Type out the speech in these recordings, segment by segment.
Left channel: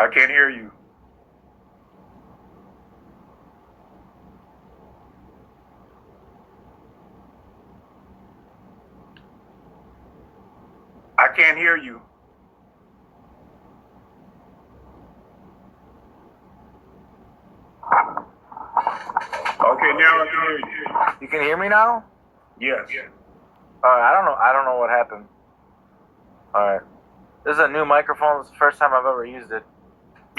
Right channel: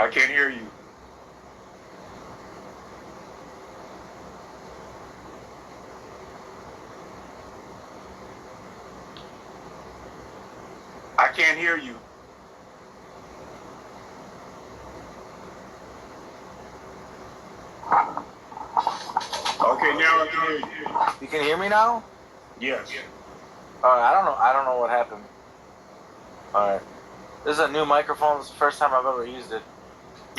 I can't hear you. I can't hear you. Okay, now I can hear you. You can hear me now? Yes. Alright, I don't know what happened. Alright. This is a new microphone. This is the first time I've ever used it.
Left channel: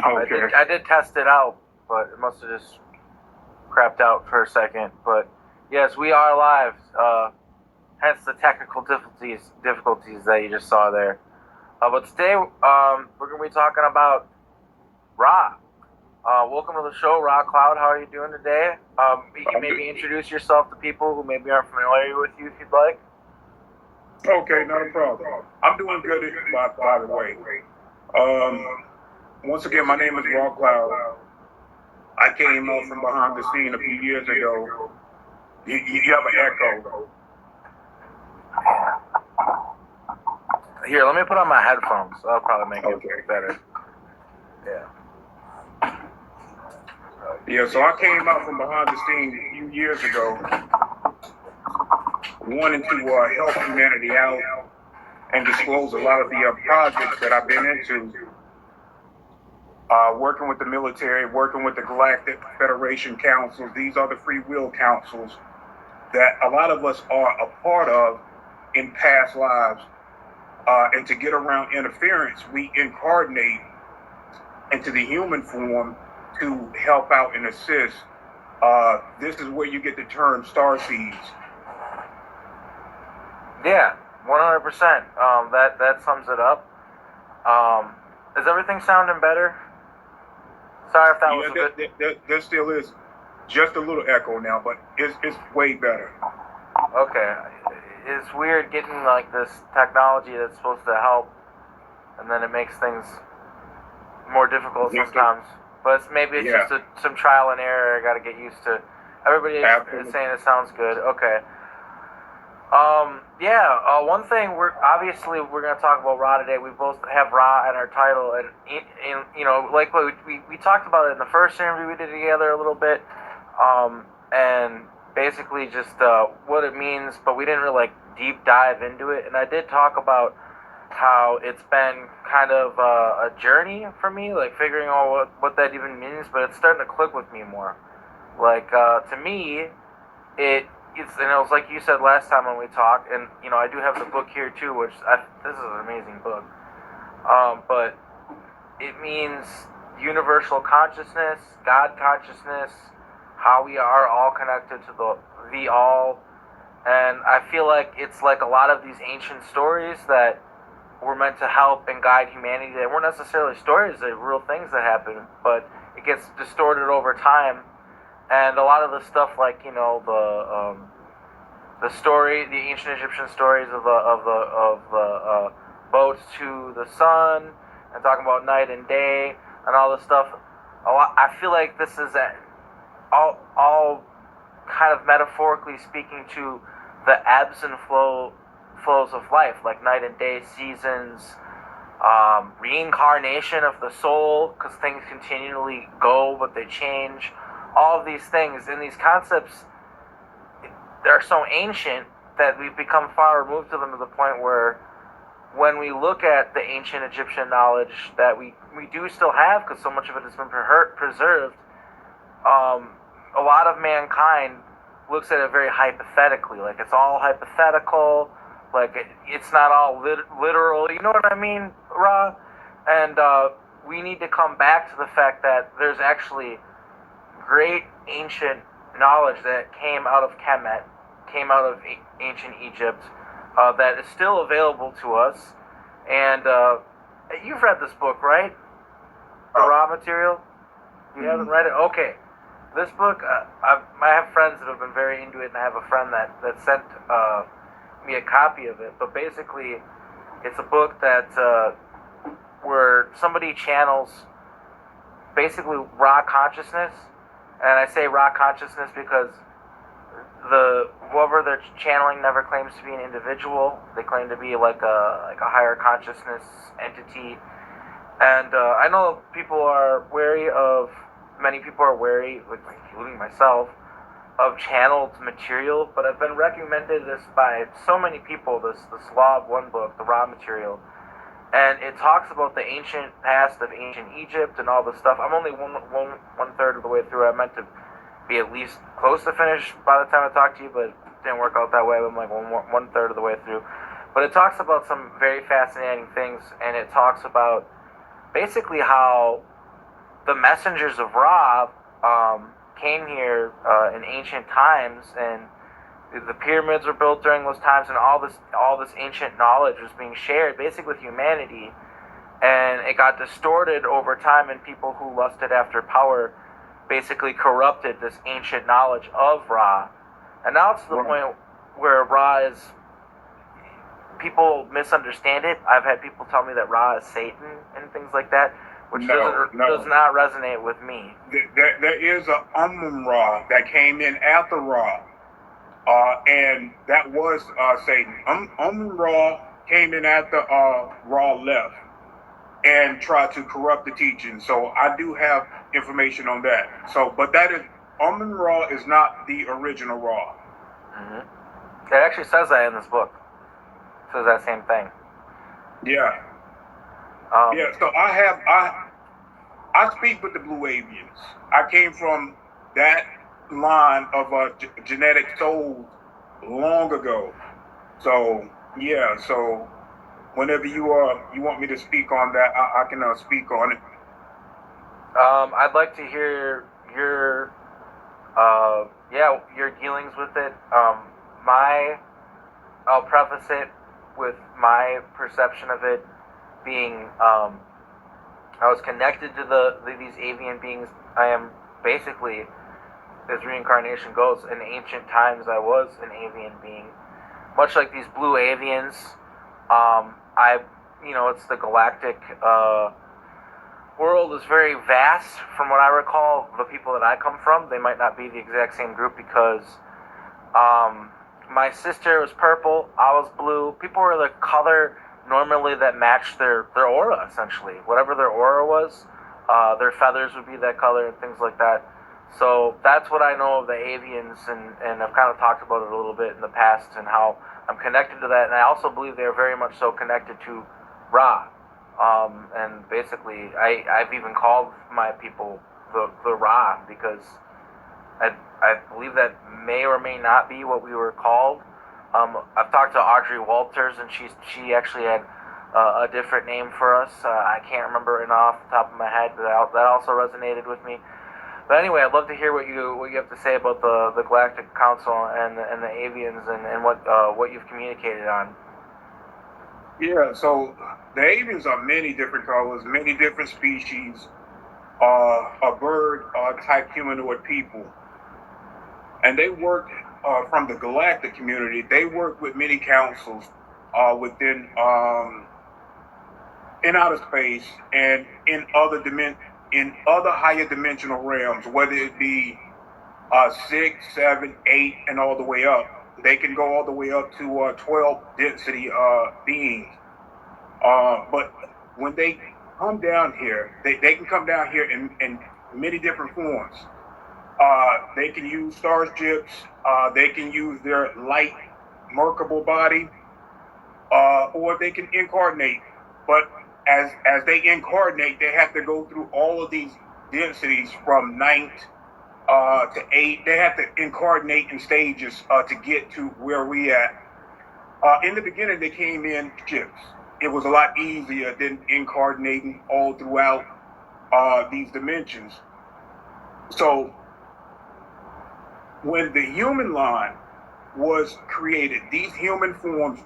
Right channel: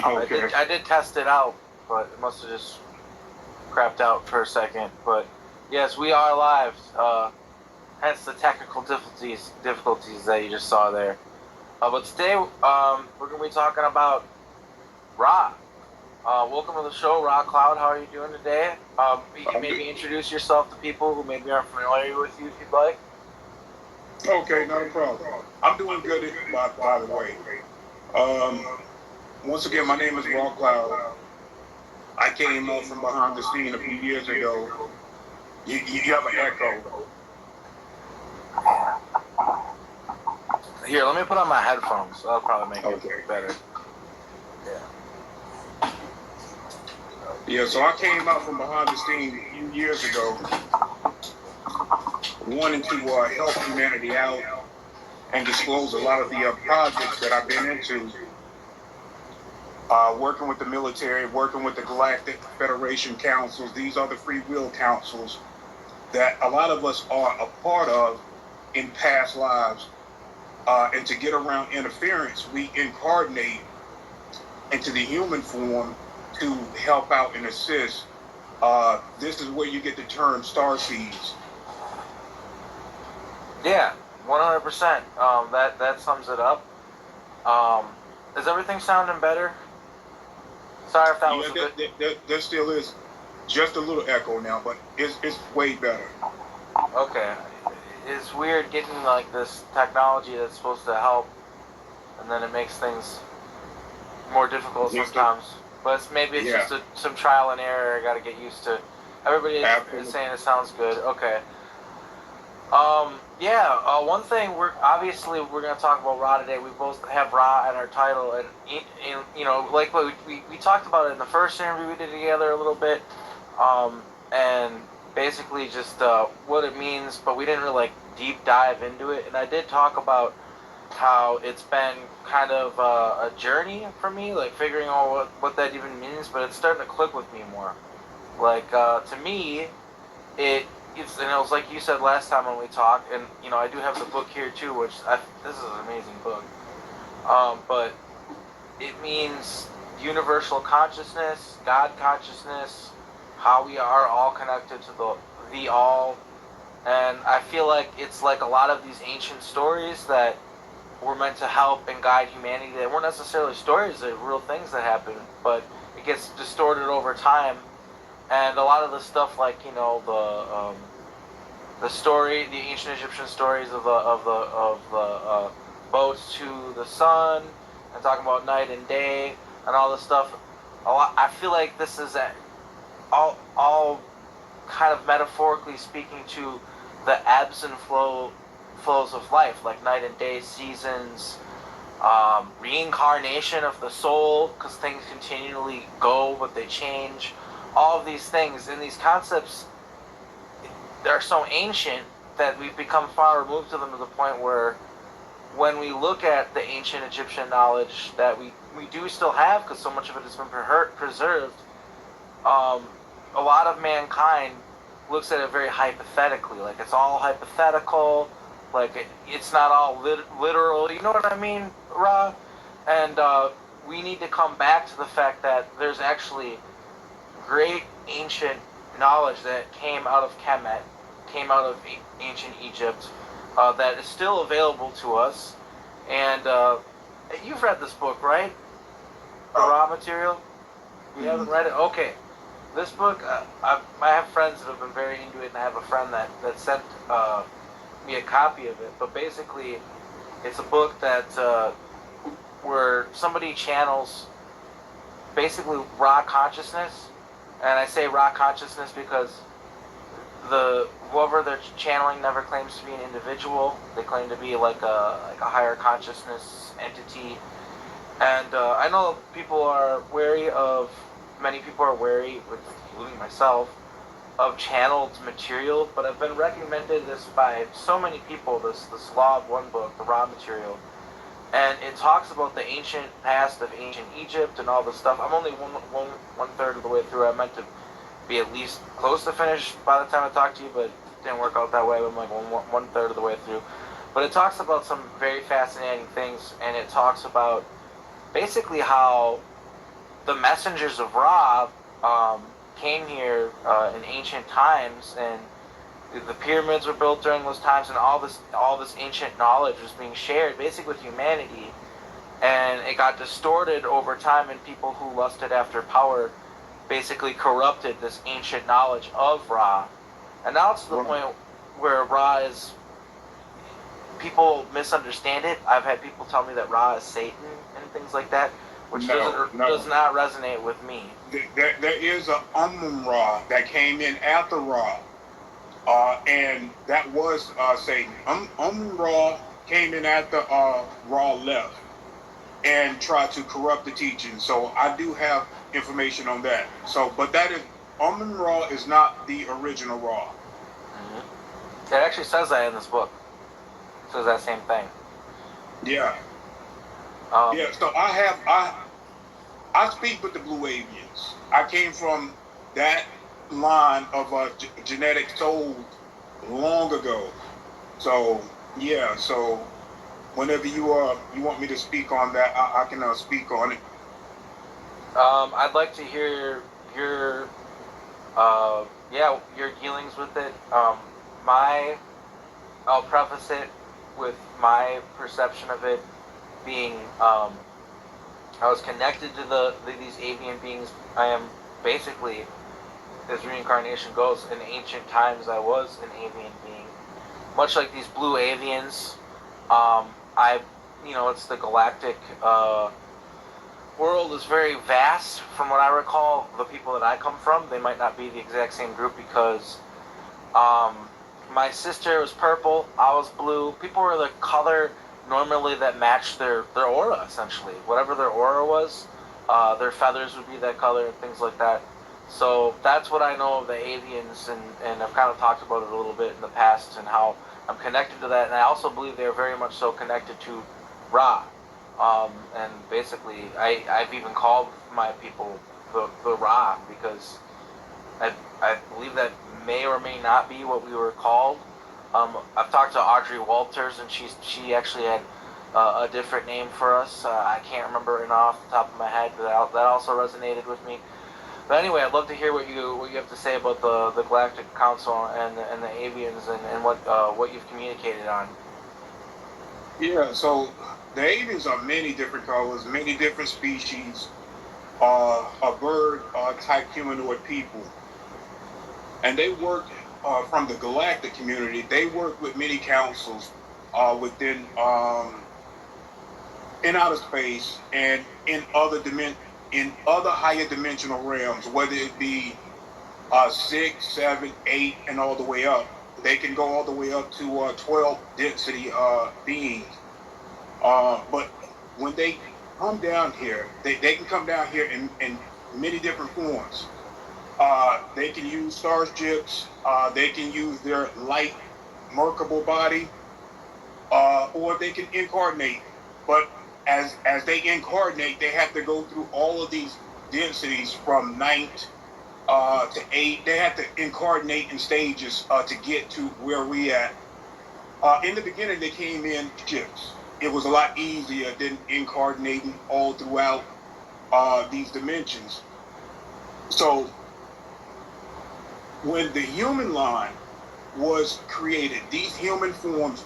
Okay. I did test it out, but it must have just crapped out for a second. But yes, we are live. Hence the technical difficulties that you just saw there. But today we're going to be talking about Ra. Welcome to the show, Ra Cloud. How are you doing today? You can maybe introduce yourself to people who maybe aren't familiar with you if you'd like. Okay, not a problem. I'm doing good, by the way. Once again, my name is Ra Cloud. I came up from behind the scene a few years ago. You have an echo. Here, let me put on my headphones. That'll probably make it better. Yeah. Yeah, so I came out from behind the scene a few years ago, wanting to help humanity out and disclose a lot of the projects that I've been into, working with the military, working with the Galactic Federation councils. These are the free will councils that a lot of us are a part of in past lives. And to get around interference, we incarnate into the human form to help out and assist. This is where you get the term starseeds. Yeah, 100%. That sums it up. Is everything sounding better? Sorry if that was a bit... There still is just a little echo now, but it's way better. Okay. It's weird getting like this technology that's supposed to help, and then it makes things more difficult sometimes. But maybe it's just some trial and error I got to get used to. Everybody is saying it sounds good. Okay. One thing we're going to talk about Ra today. We both have Ra in our title, and you know, like what we talked about it in the first interview we did together a little bit, and basically just what it means, but we didn't really like deep dive into it. And I did talk about how it's been kind of a journey for me, like figuring out what that even means, but it's starting to click with me more. Like to me, it's, and it was like you said last time when we talked, and you know, I do have the book here too, which this is an amazing book. But it means universal consciousness, God consciousness, how we are all connected to the all. And I feel like it's like a lot of these ancient stories that were meant to help and guide humanity. They weren't necessarily stories, they're real things that happen, but it gets distorted over time. And a lot of the stuff, like, you know, the ancient Egyptian stories of the boats to the sun, and talking about night and day and all this stuff. I feel like this is all kind of metaphorically speaking to the ebbs and flows of life, like night and day, seasons, reincarnation of the soul, because things continually go, but they change. All of these things and these concepts, they're so ancient that we've become far removed to them to the point where when we look at the ancient Egyptian knowledge that we do still have, because so much of it has been preserved, a lot of mankind looks at it very hypothetically, like it's all hypothetical, like it's not all literal, you know what I mean, Ra? And we need to come back to the fact that there's actually great ancient knowledge that came out of Kemet, came out of ancient Egypt, that is still available to us. And you've read this book, right? The Ra material? You haven't read it? Okay. This book, I have friends that have been very into it, and I have a friend that sent me a copy of it. But basically, it's a book that where somebody channels basically Ra consciousness. And I say Ra consciousness because whoever they're channeling never claims to be an individual. They claim to be like a higher consciousness entity. And I know people are wary of, many people are wary, including myself, of channeled material, but I've been recommended this by so many people, this Law of One book, the Ra material. And it talks about the ancient past of ancient Egypt and all this stuff. I'm only one third of the way through. I meant to be at least close to finish by the time I talk to you, but it didn't work out that way. I'm like one third of the way through. But it talks about some very fascinating things, and it talks about basically how the messengers of Ra came here in ancient times, and the pyramids were built during those times, and all this ancient knowledge was being shared basically with humanity, and it got distorted over time, and people who lusted after power basically corrupted this ancient knowledge of Ra, and now it's to the point where Ra is, people misunderstand it. I've had people tell me that Ra is Satan and things like that, which does not resonate with me. There is an Ra that came in after Ra. And that was Satan. Ra came in after Ra left and tried to corrupt the teaching. So I do have information on that. So, but that is, Ra is not the original Ra. Mm-hmm. It actually says that in this book. It says that same thing. Yeah. Yeah. So I speak with the Blue Avians. I came from that line of genetic souls long ago. So yeah, so whenever you want me to speak on that, I can speak on it. I'd like to hear your your dealings with it. I'll preface it with my perception of it being I was connected to these avian beings. I am basically, as reincarnation goes, in ancient times I was an avian being, much like these blue avians. It's the galactic world is very vast. From what I recall, the people that I come from, they might not be the exact same group, because my sister was purple, I was blue. People were the color normally that matched their aura, essentially. Whatever their aura was, their feathers would be that color and things like that. So that's what I know of the avians, and I've kind of talked about it a little bit in the past and how I'm connected to that. And I also believe they are very much so connected to Ra. And basically, I've even called my people the Ra, because I believe that may or may not be what we were called. I've talked to Audrey Walters, and she actually had a different name for us. I can't remember it off the top of my head, but that also resonated with me. But anyway, I'd love to hear what you have to say about the Galactic Council and the avians, and what you've communicated on. Yeah, so the avians are many different colors, many different species, a bird type humanoid people. And they work from the galactic community. They work with many councils within in outer space and in other higher dimensional realms, whether it be 6, 7, 8, and all the way up. They can go all the way up to 12 density beings. But when they come down here, they can come down here in many different forms. They can use starships. They can use their light, merkable body, or they can incarnate. But as they incarnate, they have to go through all of these densities from 9th to 8. They have to incarnate in stages to get to where we at. In the beginning, they came in ships. It was a lot easier than incarnating all throughout these dimensions. So when the human line was created, these human forms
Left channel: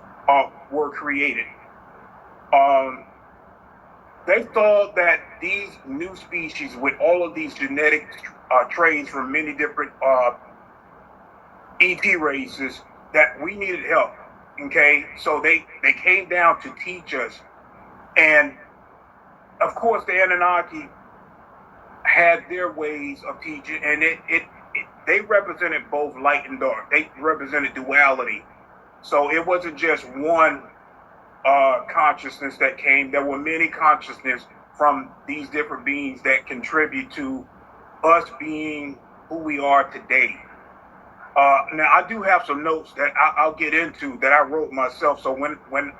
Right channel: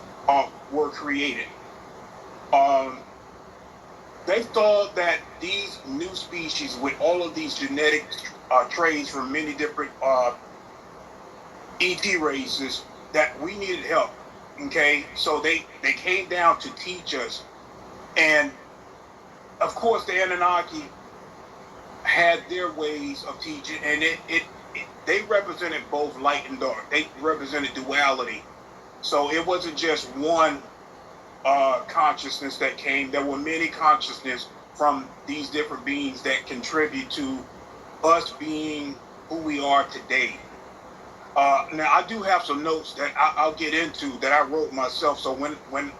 were created. They thought that these new species with all of these genetic traits from many different ET races, that we needed help. Okay, so they came down to teach us, and of course the Anunnaki had their ways of teaching, and they represented both light and dark. They represented duality. So it wasn't just one consciousness that came. There were many consciousness from these different beings that contribute to us being who we are today. Now, I do have some notes that I'll get into that I wrote myself. So when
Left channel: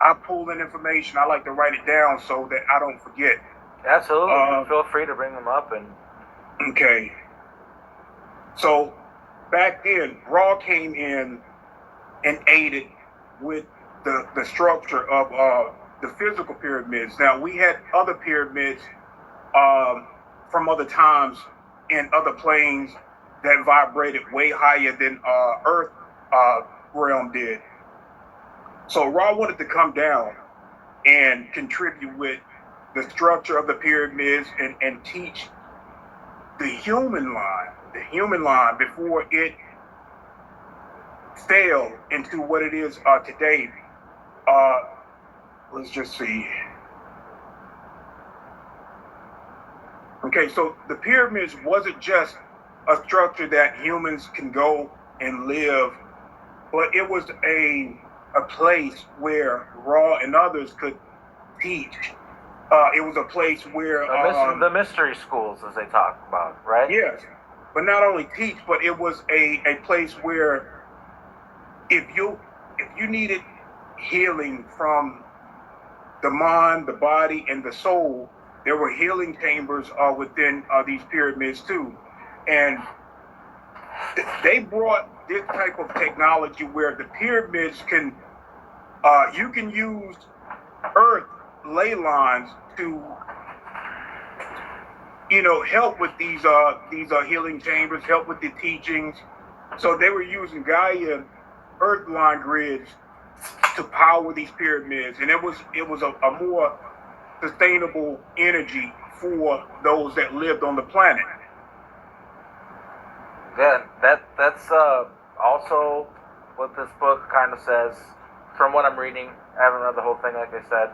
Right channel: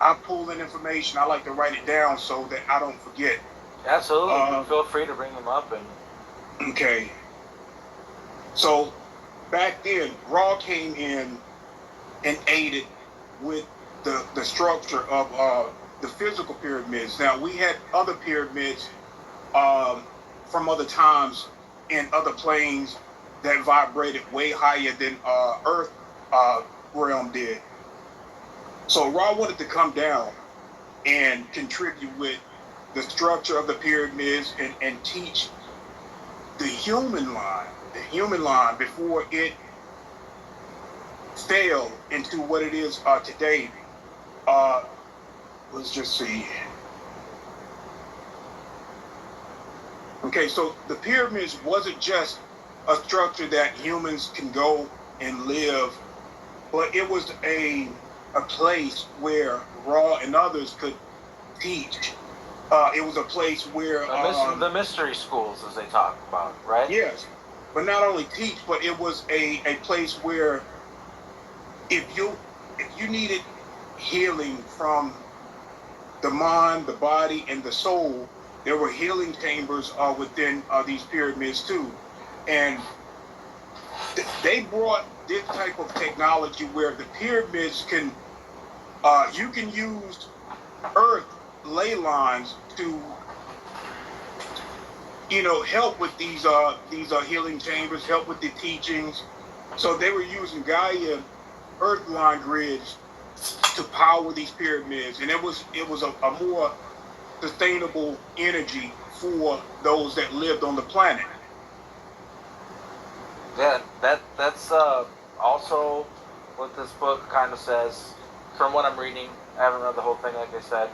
I pull in information, I like to write it down so that I don't forget. Absolutely. Feel free to bring them up. And Okay. So back then, Ra came in and aided with the structure of the physical pyramids. Now, we had other pyramids from other times in other planes that vibrated way higher than Earth realm did. So Ra wanted to come down and contribute with the structure of the pyramids and teach the human line before it fell into what it is today. Let's just see. Okay, so the pyramids wasn't just a structure that humans can go and live, but it was a place where Ra and others could teach. It was a place where the mystery schools, as they talk about, right? yes, but not only teach, but it was a place where if you needed healing from the mind, the body, and the soul, there were healing chambers within these pyramids too, and they brought this type of technology where the pyramids can you can use earth ley lines to help with these healing chambers, help with the teachings. So they were using Gaia earth line grids to power these pyramids, and it was a more sustainable energy for those that lived on the planet. Yeah, that's also what this book kind of says, from what I'm reading. I haven't read the whole thing, like I said,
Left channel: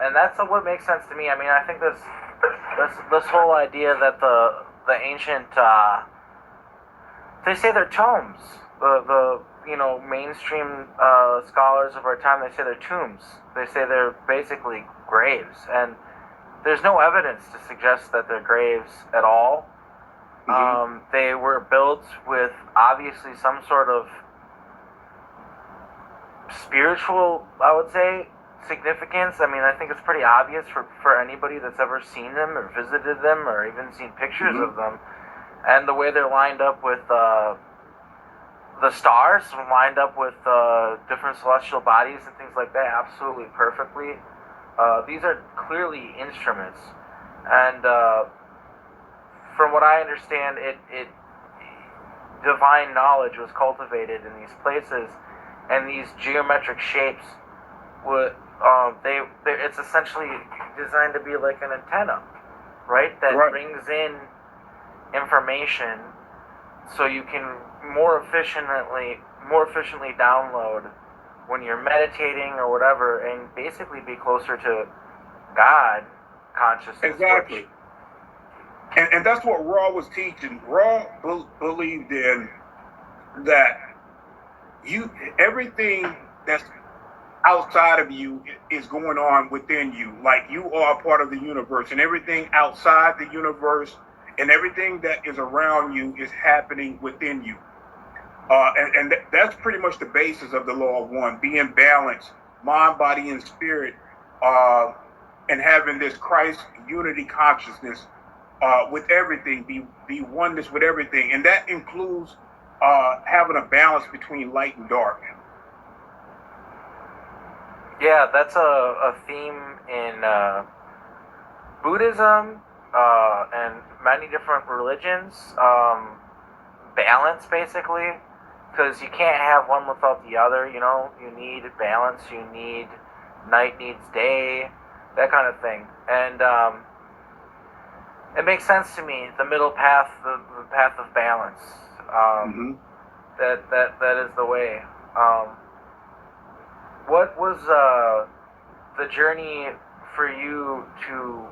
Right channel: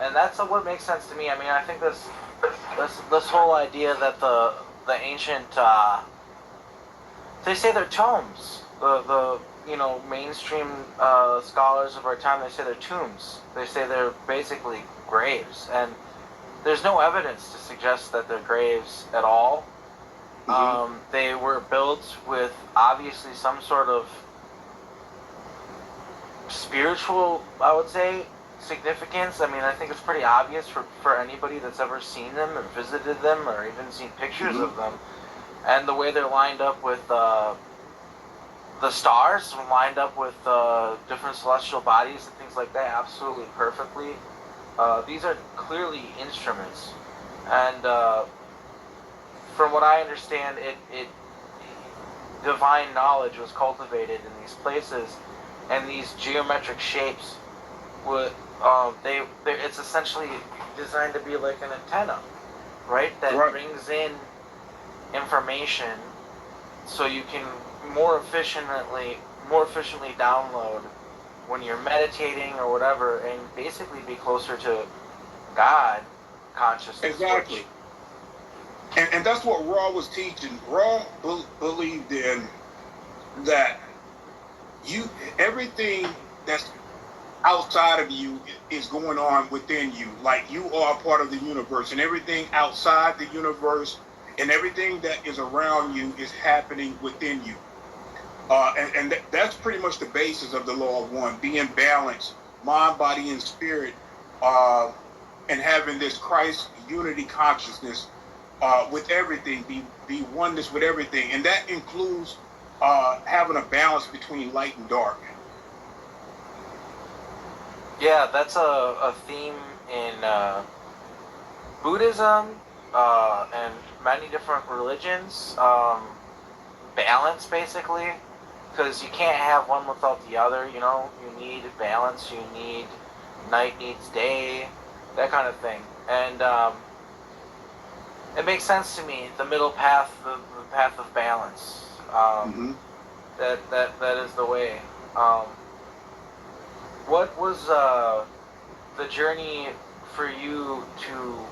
and that's what makes sense to me. I mean, I think this whole idea that the ancient they say they're tombs. The mainstream scholars of our time, they say they're tombs. They say they're basically graves, and there's no evidence to suggest that they're graves at all. Mm-hmm. They were built with obviously some sort of spiritual, I would say, significance. I mean, I think it's pretty obvious for anybody that's ever seen them or visited them or even seen pictures of them. And the way they're lined up with the stars, lined up with different celestial bodies and things like that, absolutely perfectly. These are clearly instruments. And from what I understand, it divine knowledge was cultivated in these places, and these geometric shapes would it's essentially designed to be like an antenna, right? That brings in information so you can more efficiently download when you're meditating or whatever, and basically be closer to God consciousness. Exactly. And that's what Ra was teaching. Ra believed in that everything that's outside of you is going on within you. Like, you are a part of the universe, and everything outside the universe and everything that is around you is happening within you. And that's pretty much the basis of the law of one, being balanced, mind, body, and spirit, and having this Christ unity consciousness with everything, be oneness with everything. And that includes having a balance between light and dark. Yeah, that's a theme in Buddhism and many different religions. Balance, basically, because you can't have one without the other. You need balance. You need night needs day, that kind of thing. And it makes sense to me. The middle path, the path of balance. That is the way. What was the journey for you to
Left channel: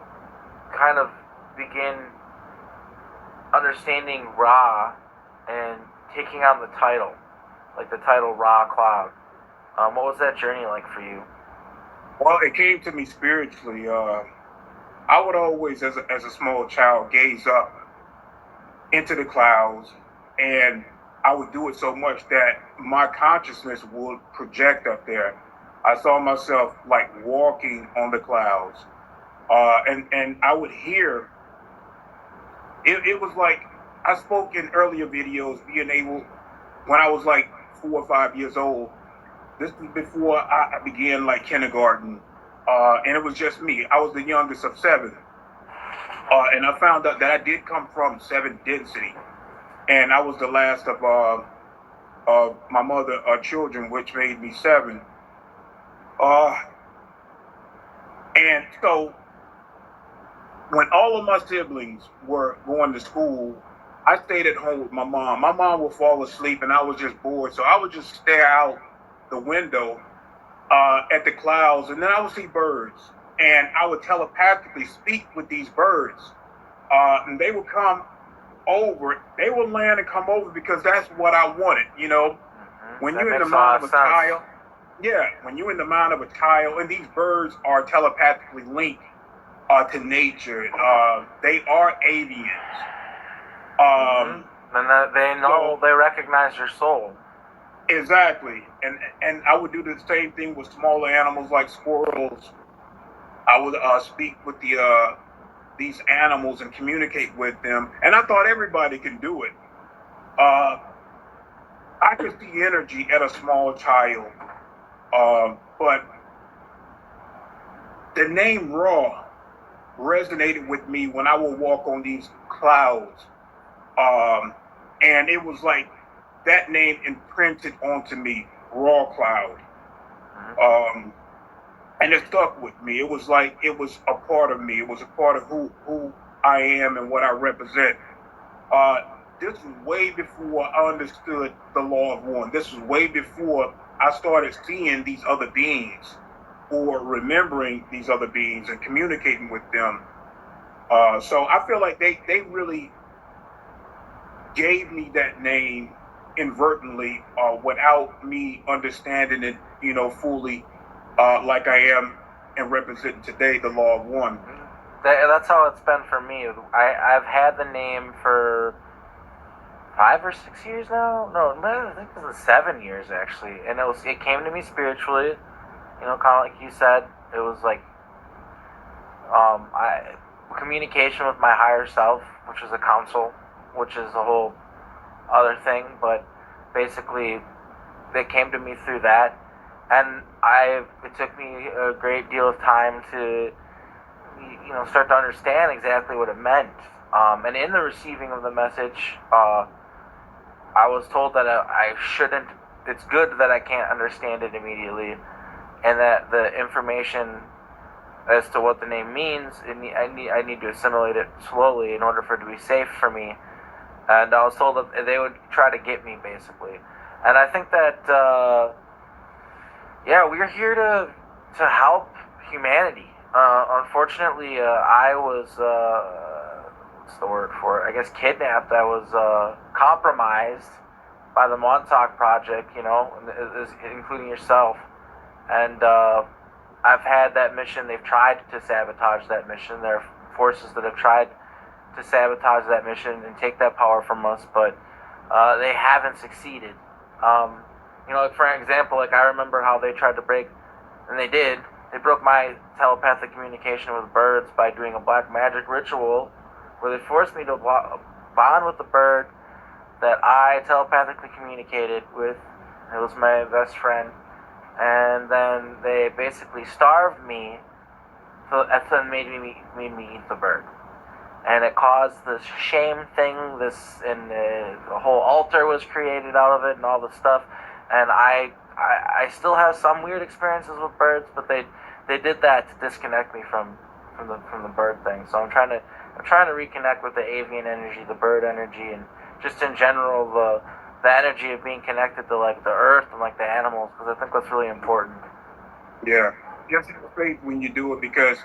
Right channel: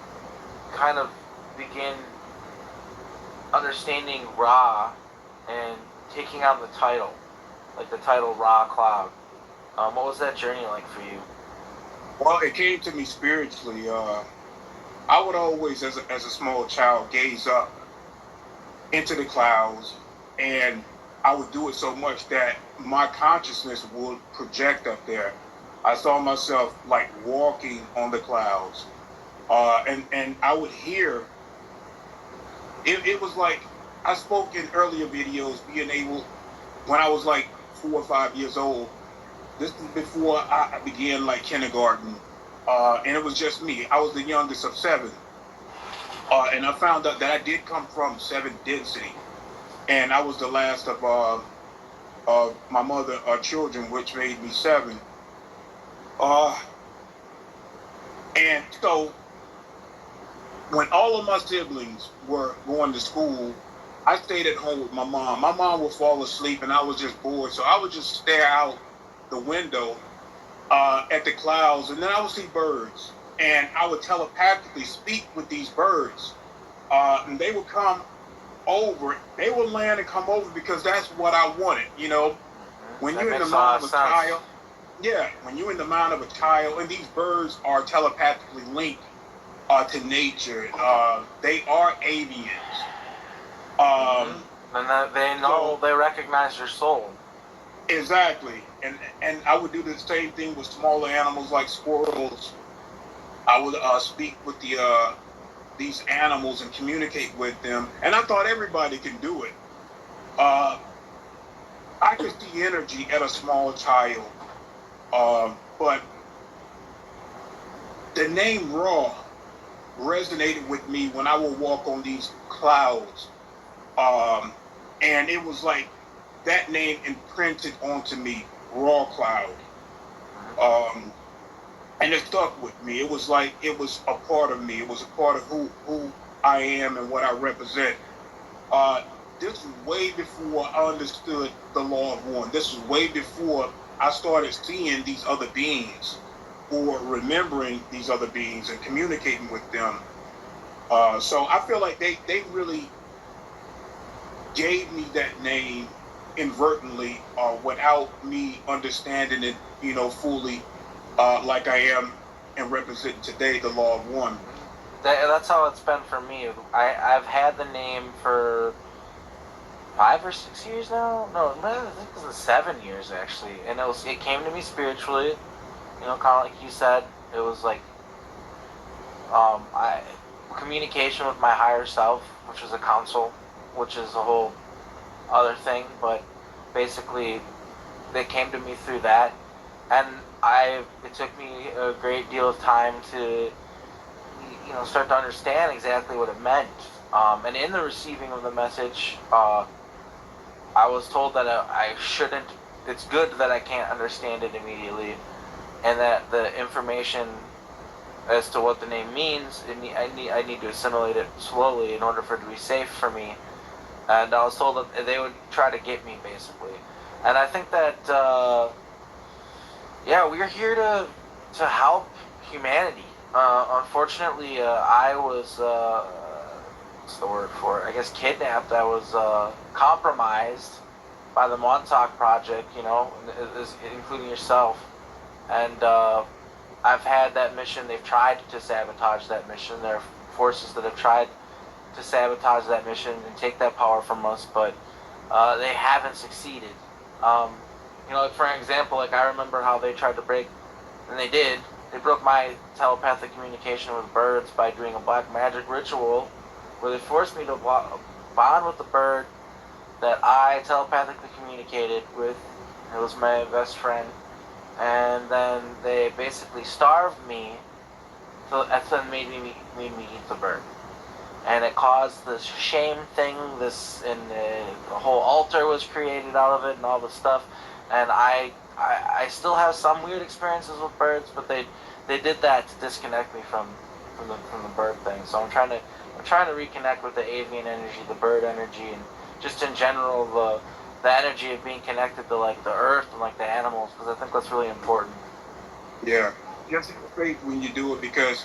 kind of begin understanding Ra and taking on the title, like the title Ra Cloud? What was that journey like for you? Well, it came to me spiritually. I would always, as a small child, gaze up into the clouds, and I would do it so much that my consciousness would project up there. I saw myself like walking on the clouds, and I would hear. It was like I spoke in earlier videos, being able when I was like 4 or 5 years old. This was before I began like kindergarten, and it was just me. I was the youngest of seven, and I found out that I did come from seventh density, and I was the last of my mother children, which made me seven. Uh, and so when all of my siblings were going to school, I stayed at home with my mom. My mom would fall asleep, and I was just bored, so I would just stare out the window at the clouds, and then I would see birds, and I would telepathically speak with these birds, and they would come over. They would land and come over because that's what I wanted. You know, when That you're in the makes a lot mind of of a sense. child, yeah, when you're in the mind of a child, and these birds are telepathically linked to nature. They are avians. And that they know, So they recognize your soul. exactly, and I would do the same thing with smaller animals like squirrels. I would speak with these animals and communicate with them, and I thought everybody can do it. Uh, I could see energy at a small child, but the name Raw resonated with me when I would walk on these clouds, um, and it was like that name imprinted onto me, Raw Cloud, um, and it stuck with me. It was like it was a part of me. It was a part of who I am and what I represent. Uh, this was way before I understood the law of one. This was way before I started seeing these other beings or remembering these other beings and communicating with them. So I feel like they really gave me that name inadvertently without me understanding it, fully, like I am and represent today the law of one. That's how it's been for me. I've had the name for 5 or 6 years now. No, I think it was 7 years actually, and it came to me spiritually. Kind of like you said, it was like I communication with my higher self, which is a council, which is a whole other thing. But basically, they came to me through that, and it took me a great deal of time to start to understand exactly what it meant. And in the receiving of the message, I was told that I shouldn't. It's good that I can't understand it immediately, and that the information as to what the name means, I need to assimilate it slowly in order for it to be safe for me. And I was told that they would try to get me, basically. And I think that yeah, we're here to help humanity. Unfortunately, I was what's the word for it? I guess kidnapped. I was compromised by the Montauk Project. Including yourself. And I've had that mission. They've tried to sabotage that mission. There are forces that have tried to sabotage that mission and take that power from us, but they haven't succeeded. Um, for example, like I remember how they tried to break, and they did. They broke my telepathic communication with birds by doing a black magic ritual, where they forced me to bond with the bird that I telepathically communicated with. It was my best friend, and then they basically starved me. So that's then made me eat the bird, and it caused this shame thing. And the whole altar was created out of it, and all this stuff. And I still have some weird experiences with birds, but they did that to disconnect me from the bird thing. So I'm trying to reconnect with the avian energy, the bird energy, and just in general the energy of being connected to like the earth and like the animals, because I think that's really important. Yeah, just have faith when you do it because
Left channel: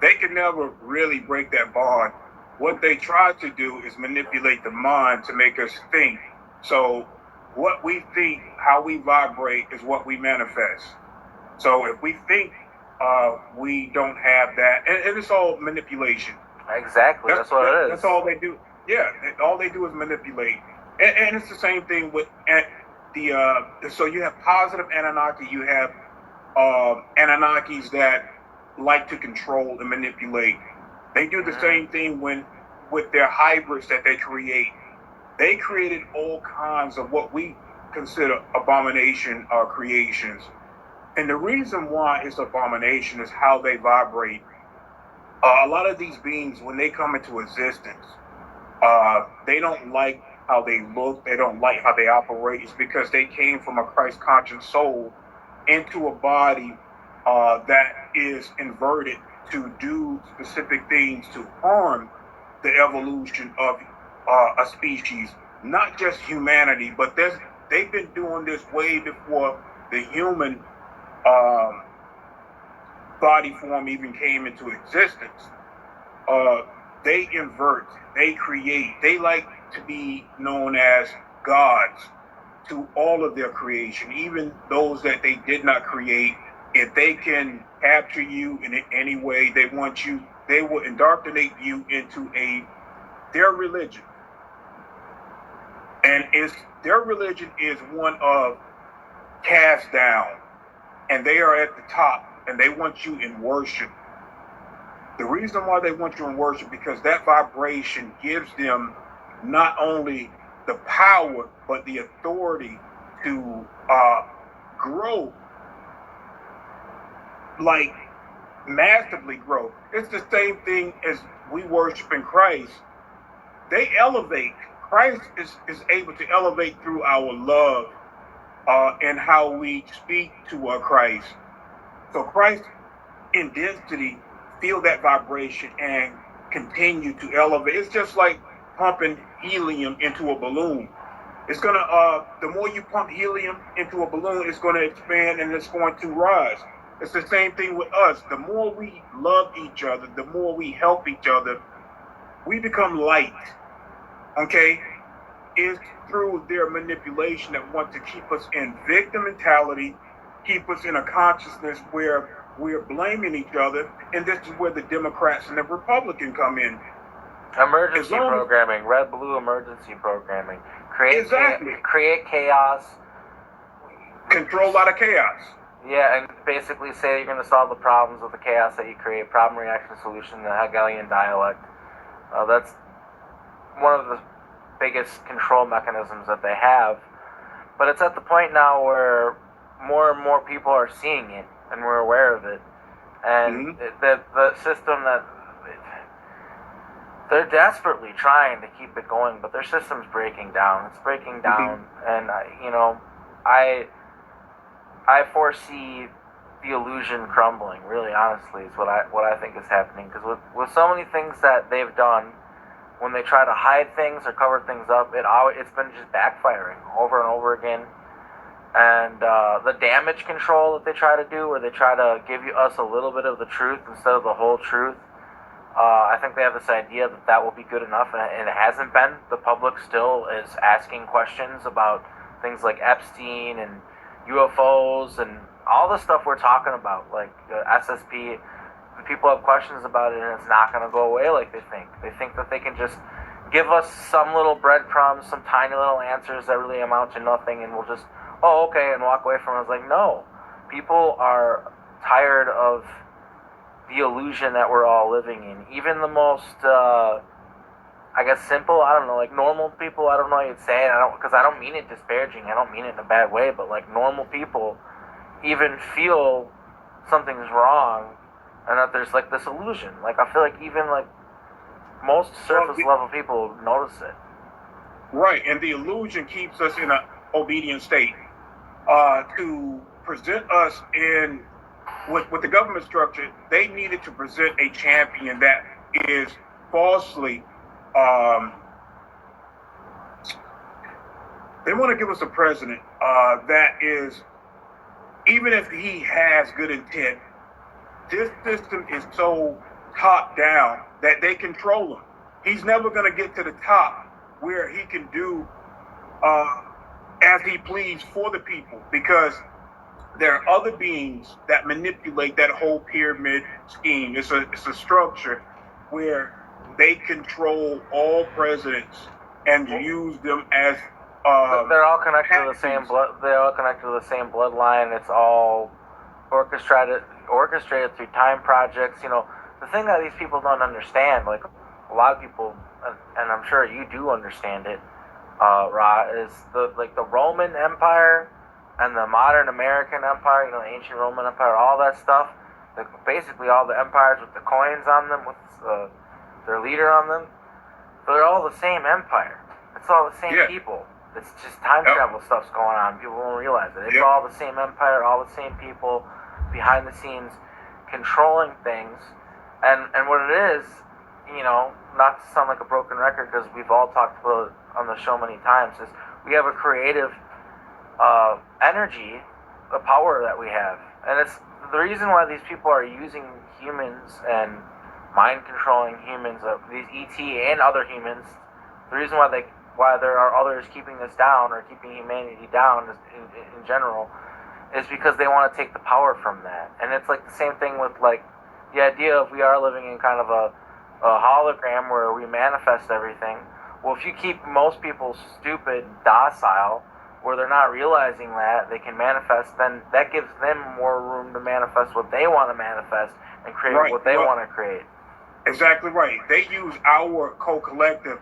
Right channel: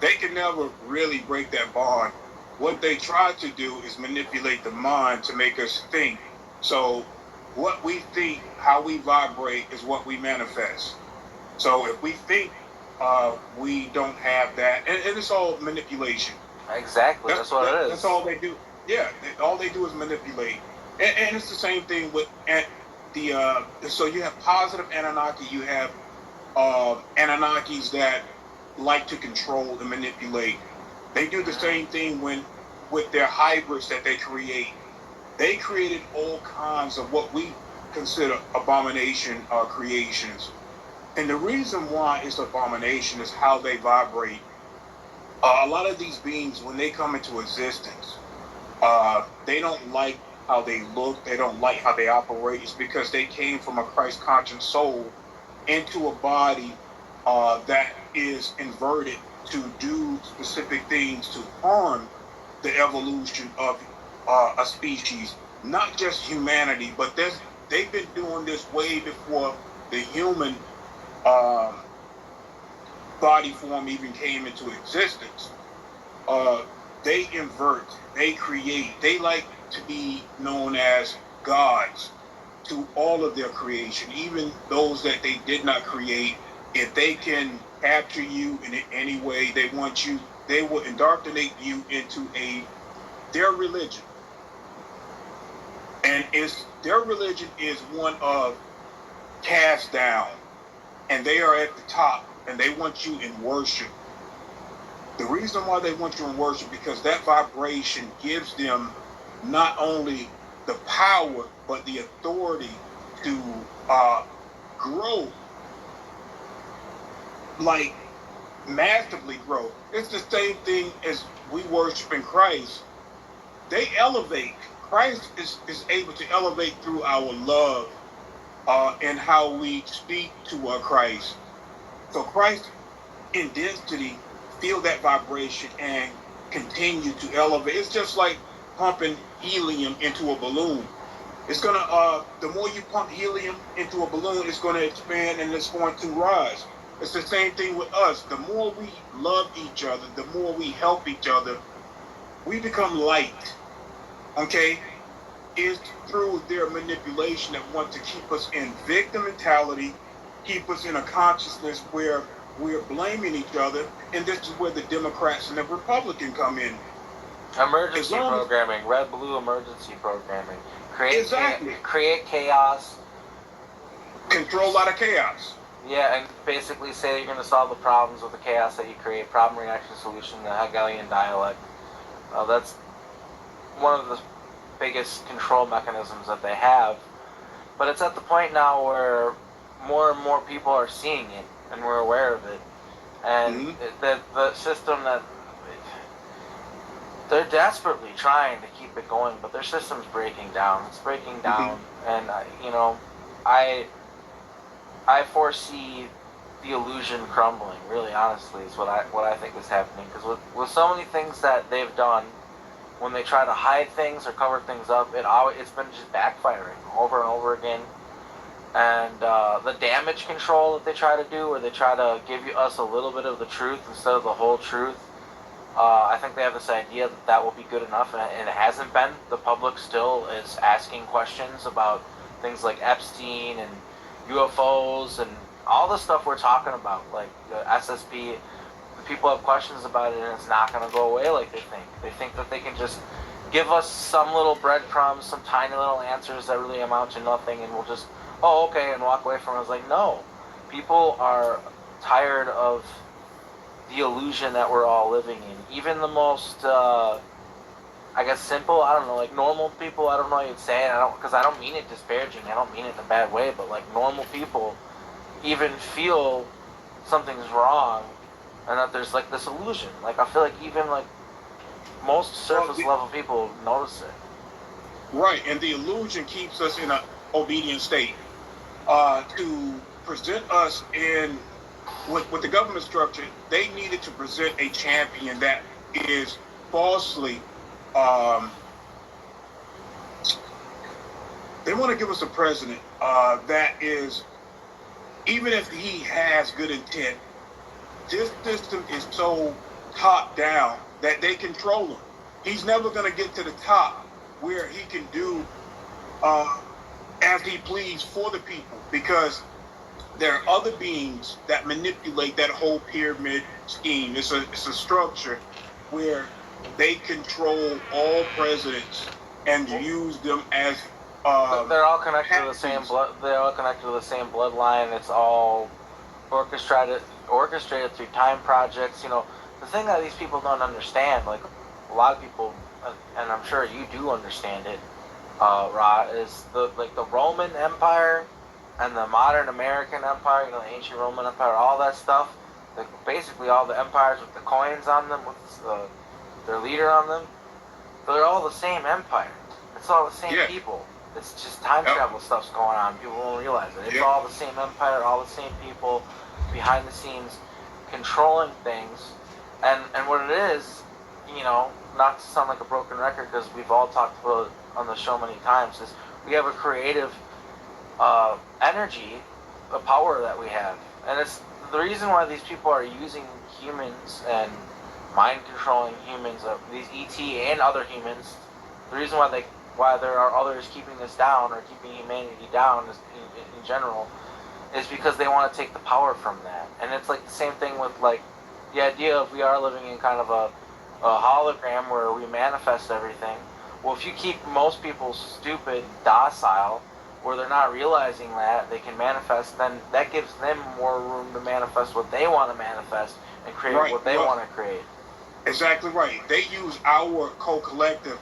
they can never really break that bond. What they try to do is manipulate the mind to make us think. So what we think, how we vibrate, is what we manifest. So if we think we don't have that, and it's all manipulation. Exactly. That's what it is. That's all they do. Yeah, all they do is manipulate, and it's the same thing with the. So you have positive Anunnaki, you have Anunnakis that like to control and manipulate. They do the same thing with their hybrids that they create. They created all kinds of what we consider abomination creations. And the reason why it's abomination is how they vibrate. A lot of these beings, when they come into existence, they don't like how they look. They don't like how they operate. It's because they came from a Christ-conscious soul into a body that is inverted to do specific things to harm the evolution of a species, not just humanity, but they've been doing this way before the human um, body form even came into existence. They invert, they create, they like to be known as gods to all of their creation, even those that they did not create. If they can capture you in any way they want you, they will indoctrinate you into their religion. And their religion is one of cast down, and they are at the top, and they want you in worship. The reason why they want you in worship because that vibration gives them not only the power but the authority to grow, like massively grow. It's the same thing as we worship in Christ. They elevate. Christ is able to elevate through our love and how we speak to Christ. So Christ in density feel that vibration and continue to elevate. It's just like pumping helium into a balloon. It's gonna the more you pump helium into a balloon, it's gonna expand and it's going to rise. It's the same thing with us. The more we love each other, the more we help each other, we become light. Okay? It's through their manipulation that want to keep us in victim mentality, keep us in a consciousness where we're blaming each other, and this is where the Democrats and the Republican come in. Emergency programming, red blue emergency programming. Create chaos. Control out of chaos. Yeah, and basically say you're going to solve the problems with the chaos that you create. Problem, reaction, solution, the Hegelian dialect. That's one of the biggest control mechanisms that they have. But it's at the point now where more and more people are seeing it, and we're aware of it. And the system that they're desperately trying to keep it going, but their system's breaking down. It's breaking down, and I foresee the illusion crumbling. Really, honestly, is what I think is happening. Because with so many things that they've done, when they try to hide things or cover things up, it's been just backfiring over and over again. And the damage control that they try to do, where they try to give us a little bit of the truth instead of the whole truth, I think they have this idea that will be good enough, and it hasn't been. The public still is asking questions about things like Epstein and UFOs and all the stuff we're talking about, like SSP. People have questions about it, and it's not going to go away like they think. They think that they can just give us some little breadcrumbs, some tiny little answers that really amount to nothing, and we'll just, oh, okay, and walk away from it. It's like, no. People are tired of the illusion that we're all living in. Even the most, I guess, simple, I don't know, like normal people, I don't know how you'd say it, because I don't mean it disparaging, I don't mean it in a bad way, but like normal people even feel something's wrong, and that there's like this illusion. Like I feel like even like most surface level people notice it. Right, and the illusion keeps us in an obedient state. To present us in with the government structure, they needed to present a champion that is falsely. They want to give us a president that is, even if he has good intent, this system is so top down that they control him. He's never going to get to the top where he can do as he pleads for the people, because there are other beings that manipulate that whole pyramid scheme. It's a structure where they control all presidents and use them as They're all connected to the same patsies. blood. They're all connected to the same bloodline. It's all orchestrated through time projects. You know, the thing that these people don't understand, like a lot of people, and I'm sure you do understand it, Ra, is the Roman Empire and the modern American Empire. You know, the ancient Roman Empire, all that stuff. Like basically all the empires with the coins on them, with their leader on them. They're all the same empire. It's all the same Yeah. people. It's just time Yep. travel stuff's going on. People won't realize it. It's Yep. all the same empire, all the same people behind the scenes controlling things. And what it is, you know, not to sound like a broken record because we've all talked about it on the show many times, is we have a creative energy, a power that we have. And it's the reason why these people are using humans and mind controlling humans, these ET and other humans. The reason why there are others keeping us down or keeping humanity down in general is because they want to take the power from that. And it's like the same thing with like the idea of we are living in kind of a hologram where we manifest everything. Well, if you keep most people stupid, docile, where they're not realizing that they can manifest, then that gives them more room to manifest what they want to manifest and create Right. what they Well, want to create. Exactly right. They use our co-collective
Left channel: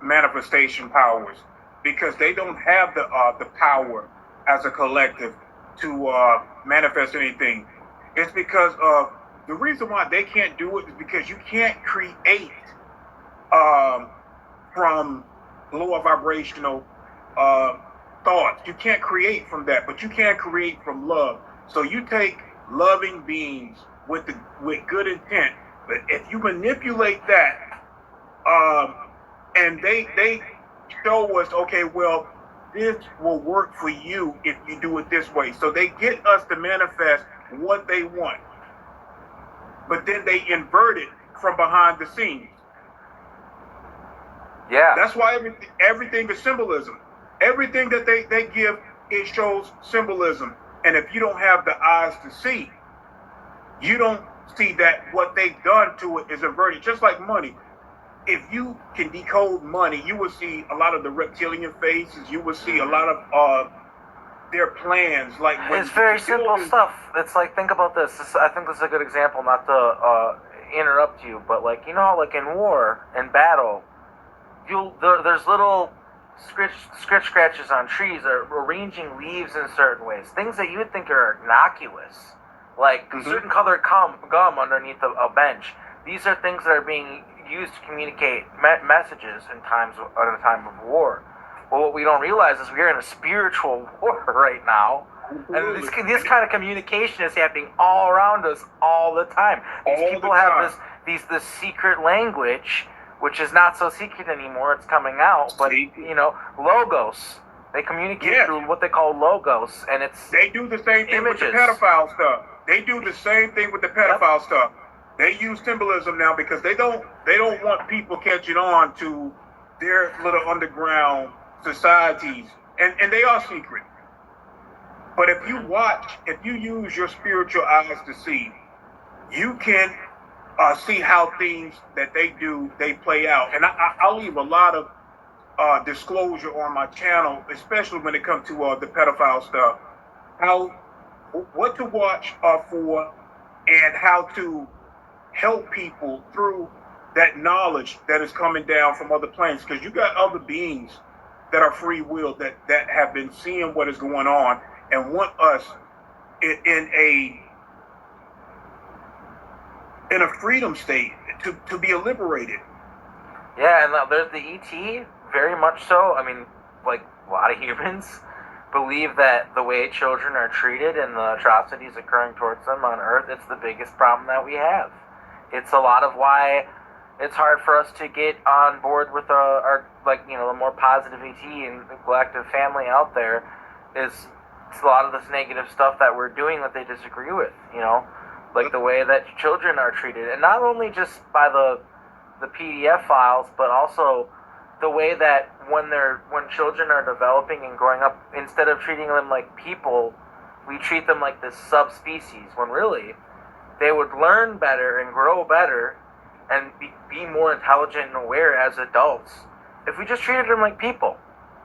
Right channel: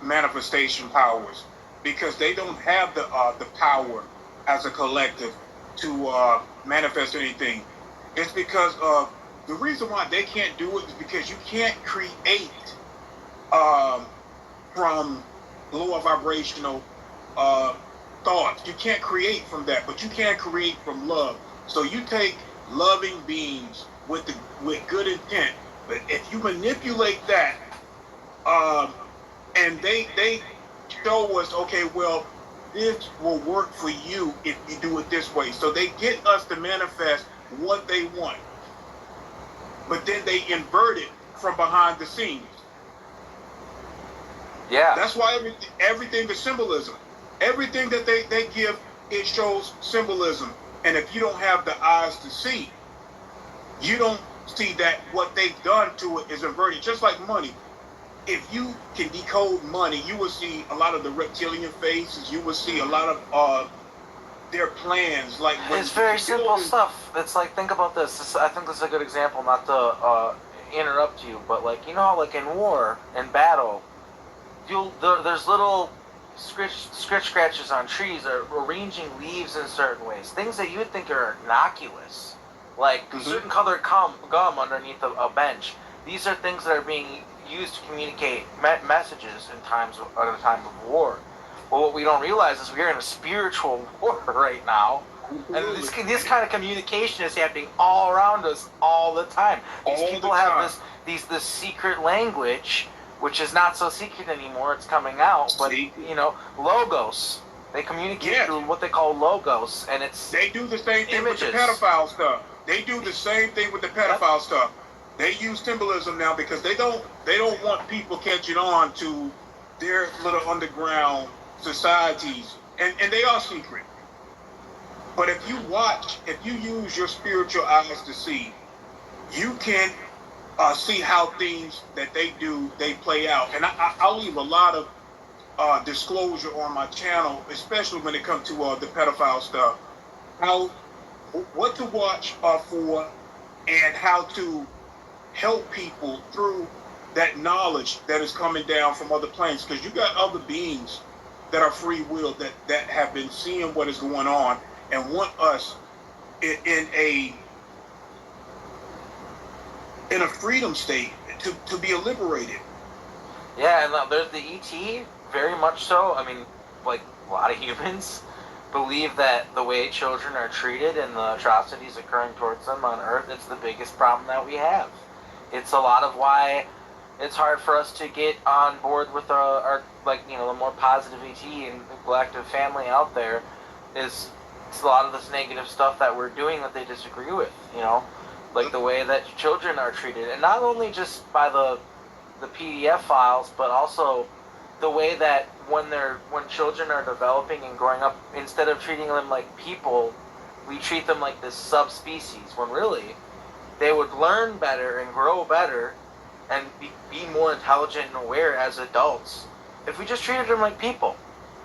manifestation powers because they don't have the power as a collective to manifest anything. It's because the reason why they can't do it is because you can't create um, from lower vibrational uh, thoughts. You can't create from that, but you can create from love. So you take loving beings with good intent, but if you manipulate that, um, and they show us, okay, well, this will work for you if you do it this way. So they get us to manifest what they want, but then they invert it from behind the scenes. Yeah. That's why everything is symbolism. Everything that they give, it shows symbolism. And if you don't have the eyes to see, you don't see that what they've done to it is inverted. Just like money. If you can decode money, you will see a lot of the reptilian faces. You will see a lot of their plans. Like when It's very simple stuff. It's like, think about this. I think this is a good example, not to interrupt you, but like, you know how like in war and battle, there's little scratches on trees or arranging leaves in certain ways. Things that you would think are innocuous, like certain colored gum underneath a bench. These are things that are being used to communicate messages in a time of war. Well, what we don't realize is we're in a spiritual war right now. And this kind of communication is happening all around us all the time. These people have this secret language, which is not so secret anymore. It's coming out, but you know, logos. They communicate through what they call logos, and they do the same thing images. with the pedophile stuff. They do the same thing with the pedophile stuff. They use symbolism now because they don't want people catching on to their little underground societies, and they are secret. But if you use your spiritual eyes to see, you can see how things that they do, they play out. And I'll leave a lot of disclosure on my channel, especially when it comes to the pedophile stuff. What to watch for, and how to help people through that knowledge that is coming down from other planes. Because you got other beings that are free will that have been seeing what is going on and want us in a freedom state to be liberated. Yeah, and there's the ET, very much so. I mean, like a lot of humans believe that the way children are treated and the atrocities occurring towards them on Earth, it's the biggest problem that we have. It's a lot of why it's hard for us to get on board with our like, you know, the more positive ET and the galactic family out there. It's a lot of this negative stuff that we're doing that they disagree with, you know, like the way that children are treated, and not only just by the PDF files, but also the way that when children are developing and growing up, instead of treating them like people, we treat them like this subspecies, when really they would learn better and grow better and be more intelligent and aware as adults if we just treated them like people.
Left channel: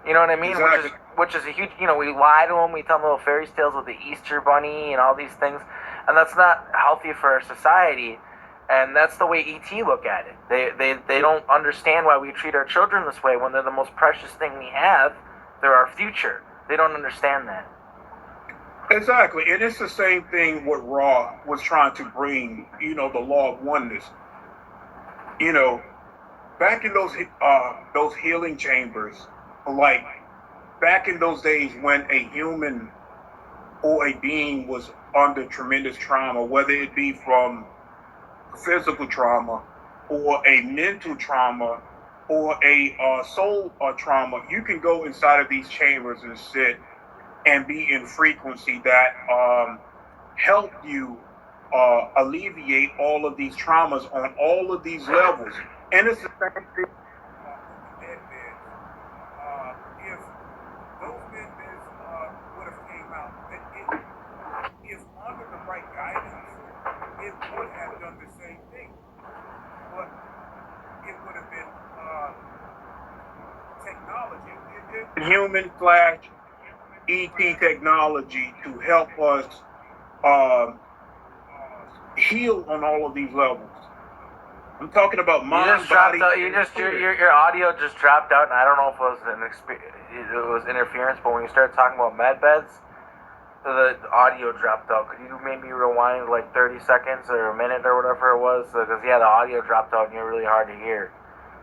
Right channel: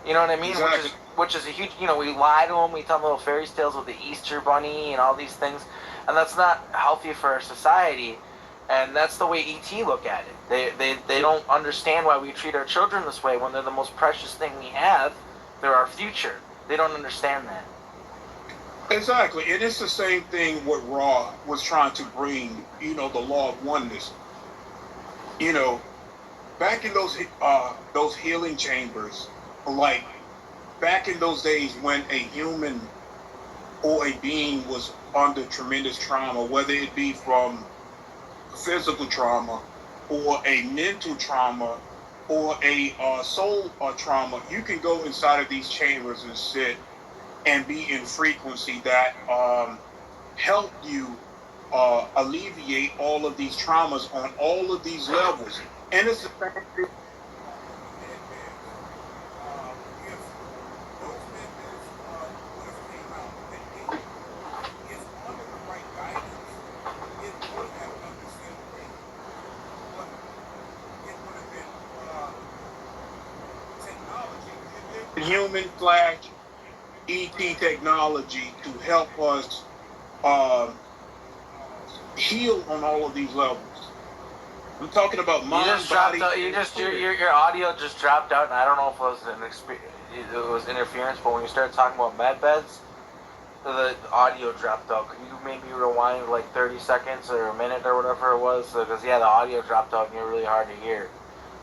You know what I mean? Exactly. Which is a huge, we lie to them, we tell them little fairy tales with the Easter bunny and all these things, and that's not healthy for our society. And that's the way ET look at it. They don't understand why we treat our children this way when they're the most precious thing we have. They're our future. They don't understand that. Exactly. And it's the same thing what Ra was trying to bring, the law of oneness. You know, back in those healing chambers, like back in those days when a human or a being was under tremendous trauma, whether it be from physical trauma or a mental trauma or a soul trauma, you can go inside of these chambers and sit and be in frequency that help you alleviate all of these traumas on all of these levels. And it's the same thing. If those methods would have came out, if under the right guidance, it would have done the same thing. But it would have been technology. Human flash ET technology to help us heal on all of these levels. I'm talking about mind, body. Your audio just dropped out, and I don't know if it was interference, but when you started talking about med beds, the audio dropped out. Could you maybe rewind like 30 seconds or a minute or whatever it was? Because the audio dropped out and you're really hard to hear,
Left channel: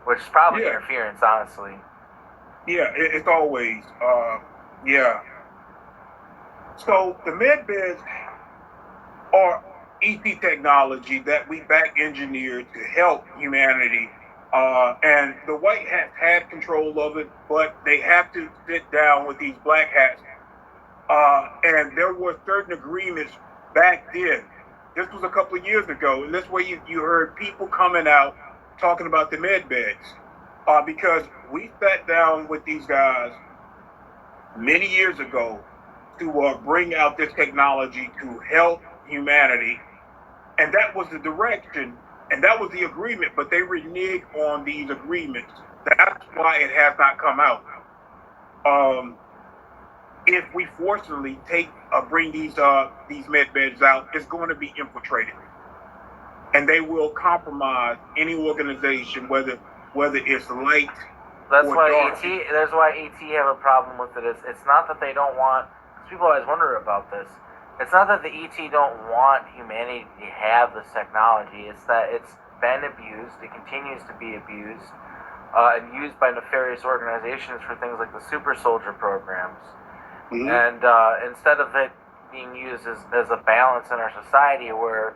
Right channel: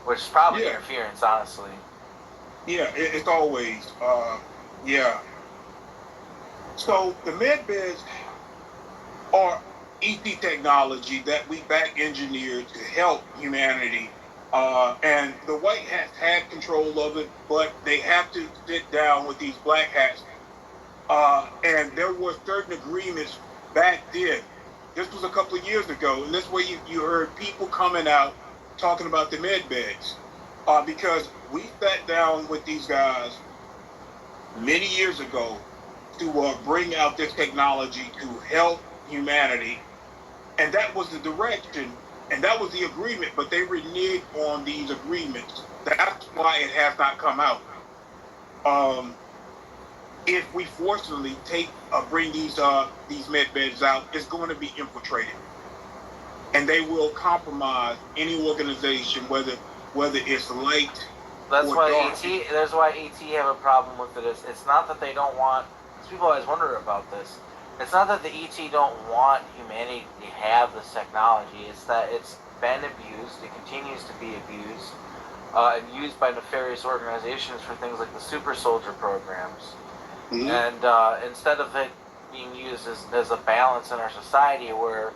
which is probably interference, honestly. Yeah, it's always yeah. So the med beds are ET technology that we back engineered to help humanity. And the white hats had control of it, but they have to sit down with these black hats. And there were certain agreements back then. This was a couple of years ago, and this way you heard people coming out talking about the med beds. Because we sat down with these guys many years ago to bring out this technology to help humanity. And that was the direction, and that was the agreement, but they reneged on these agreements. That's why it has not come out. If we forcibly bring these med beds out, it's going to be infiltrated, and they will compromise any organization, whether it's light That's or why dark. That's why ET have a problem with it. It's not that they don't want. Because people always wonder about this. It's not that the ET don't want humanity to have this technology. It's that it's been abused. It continues to be abused and used by nefarious organizations for things like the super soldier programs. Mm-hmm. And instead of it being used as a balance in our society where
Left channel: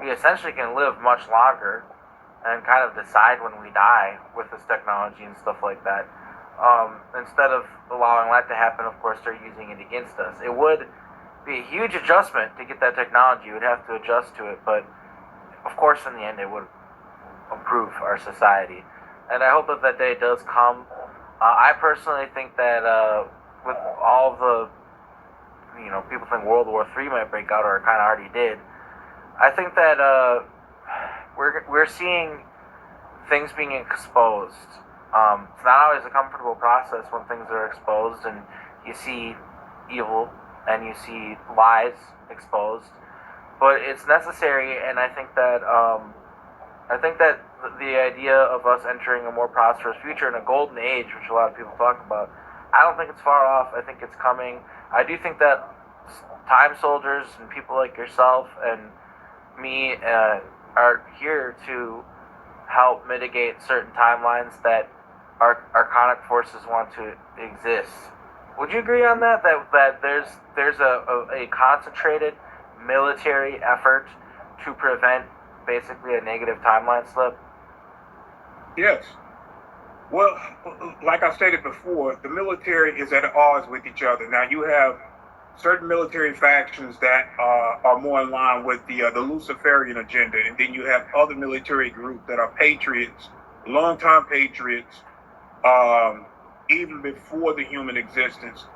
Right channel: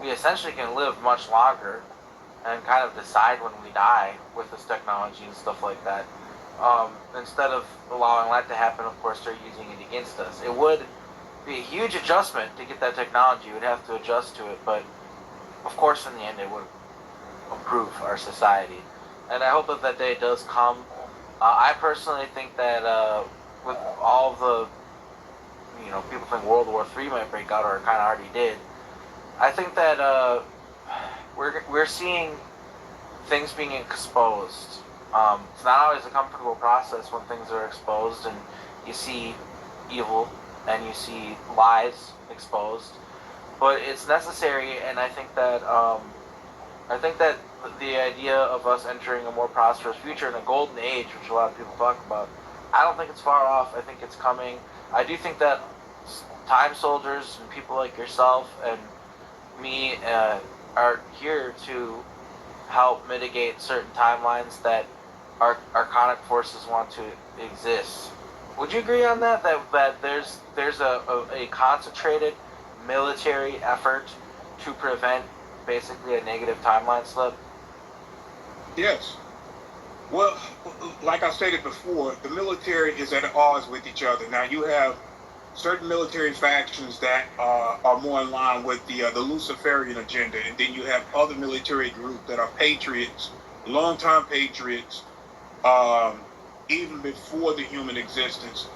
we essentially can live much longer and kind of decide when we die with this technology and stuff like that, instead of allowing that to happen, of course, they're using it against us. It would be a huge adjustment to get that technology. You would have to adjust to it, but of course, in the end, it would improve our society. And I hope that day does come. I personally think that with all the, people think World War III might break out, or it kind of already did. I think that we're seeing things being exposed. It's not always a comfortable process when things are exposed and you see evil and you see lies exposed, but it's necessary. And I think that the idea of us entering a more prosperous future in a golden age, which a lot of people talk about, I don't think it's far off. I think it's coming. I do think that time soldiers and people like yourself and me are here to help mitigate certain timelines that archonic forces want to exist. Would you agree on that? That there's a concentrated military effort to prevent basically a negative timeline slip? Yes. Well, like I stated before, the military is at odds with each other. Now you have certain military factions that are more in line with the Luciferian agenda, and then you have other military groups that are patriots, longtime patriots, even before the human existence.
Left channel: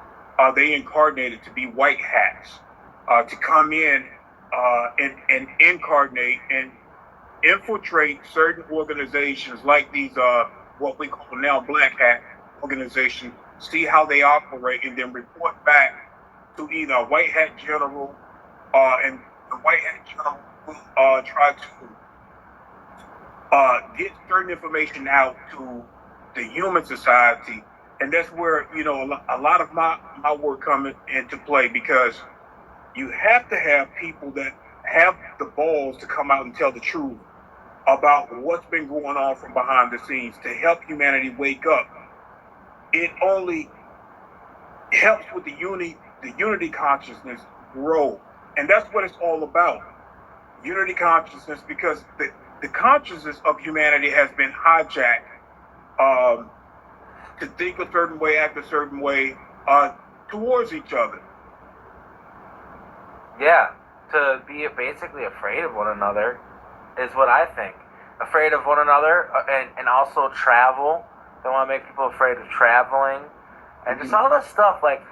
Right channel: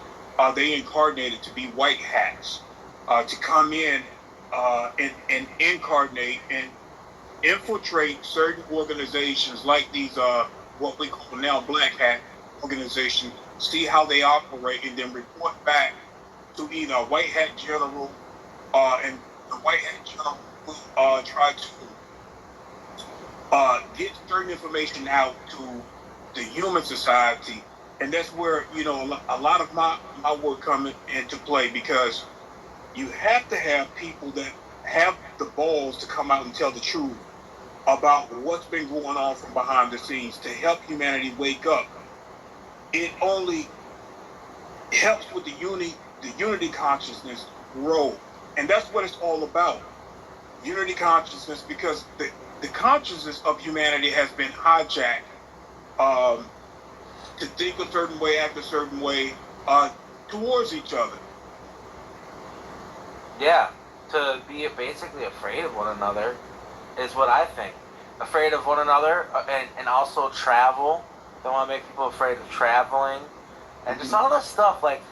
They incarnated to be white hats, to come in and incarnate and infiltrate certain organizations like these what we call now black hat organizations, see how they operate, and then report back to either a white hat general, and the white hat general will try to get certain information out to the human society. And that's where, a lot of my work coming into play, because you have to have people that have the balls to come out and tell the truth about what's been going on from behind the scenes to help humanity wake up. It only helps with the unity consciousness grow. And that's what it's all about. Unity consciousness, because the consciousness of humanity has been hijacked, to think a certain way, act a certain way, towards each other. Yeah, to be basically afraid of one another is what I think. Afraid of one another, and also travel. They want to make people afraid of traveling, and just all this stuff. Like,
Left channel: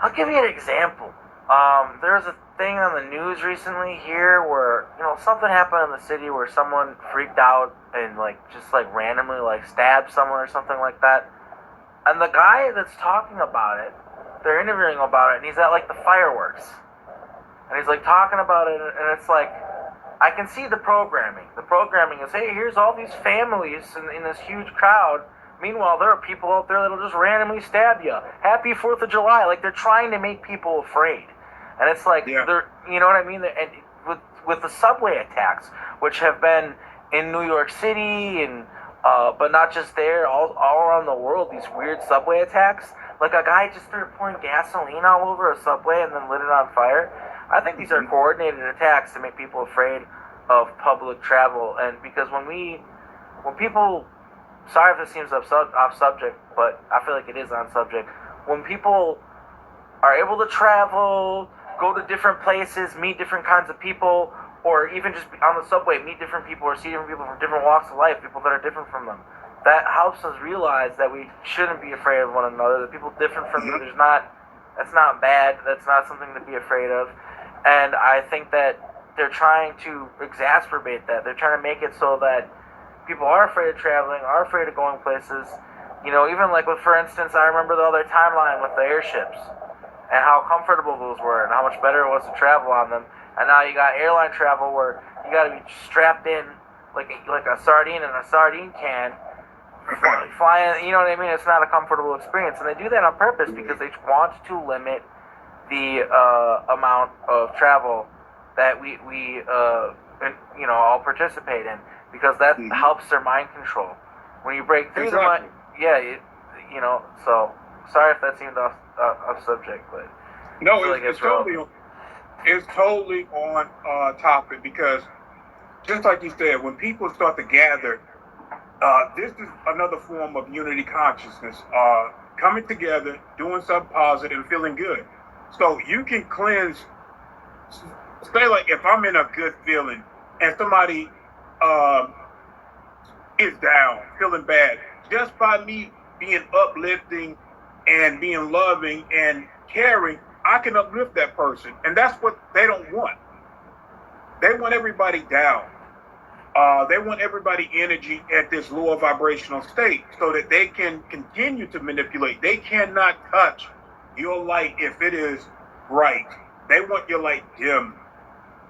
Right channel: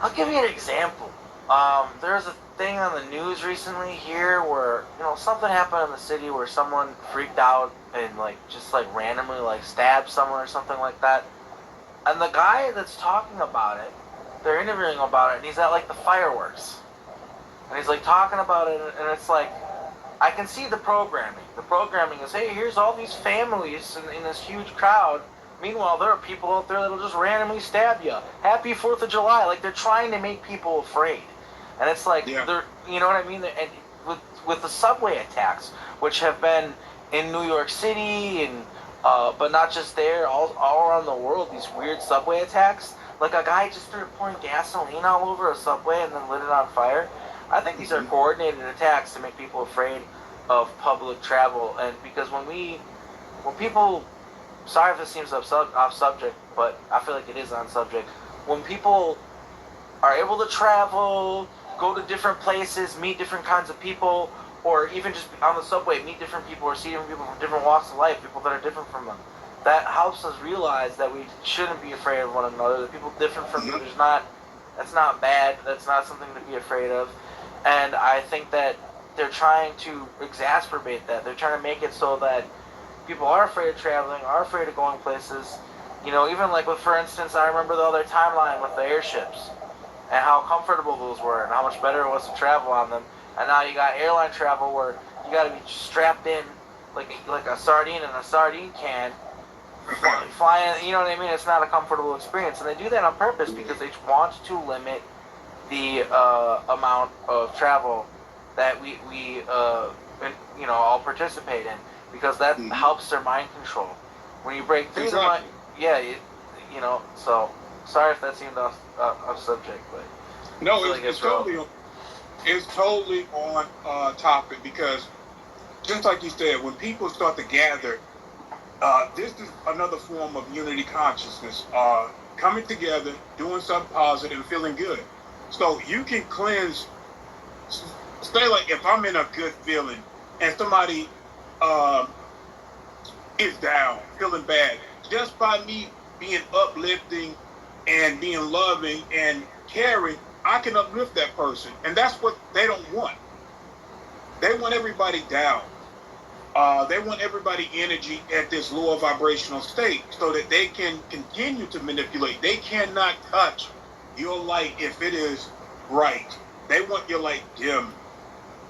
I'll give you an example. There was a thing on the news recently here where, something happened in the city where someone freaked out and just randomly stabbed someone or something like that. And the guy that's talking about it, they're interviewing about it, and he's at the fireworks. And he's talking about it, and it's I can see the programming. The programming is, hey, here's all these families in this huge crowd. Meanwhile, there are people out there that'll just randomly stab you. Happy 4th of July. They're trying to make people afraid. And it's they're, you know what I mean? And with the subway attacks, which have been in New York City, and but not just there, all around the world, these weird subway attacks. A guy just started pouring gasoline all over a subway and then lit it on fire. I think these are coordinated attacks to make people afraid of public travel. And because when people, sorry if this seems off subject, but I feel like it is on subject. When people are able to travel, go to different places, meet different kinds of people, or even just on the subway, meet different people or see different people from different walks of life, people that are different from them, that helps us realize that we shouldn't be afraid of one another. The people different from you, that's not bad. That's not something to be afraid of. And I think that they're trying to exacerbate that. They're trying to make it so that people are afraid of traveling, are afraid of going places. Even for instance, I remember the other timeline with the airships and how comfortable those were and how much better it was to travel on them. And now you got airline travel where you got to be strapped in like a sardine in a sardine can, flying. You know what I mean? It's not a comfortable experience, and they do that on purpose because they want to limit the amount of travel that we all participate in, because that helps their mind control. When you break through the mind, So sorry if that seemed off subject, but no, it's totally on topic, because just like you said, when people start to gather, this is another form of unity consciousness, coming together, doing something positive, and feeling good. So you can cleanse. Say if I'm in a good feeling and somebody is down, feeling bad, just by me being uplifting and being loving and caring, I can uplift that person. And that's what they don't want. They want everybody down. They want everybody energy at this lower vibrational state so that they can continue to manipulate. They cannot touch your light if it is bright. They want your light dim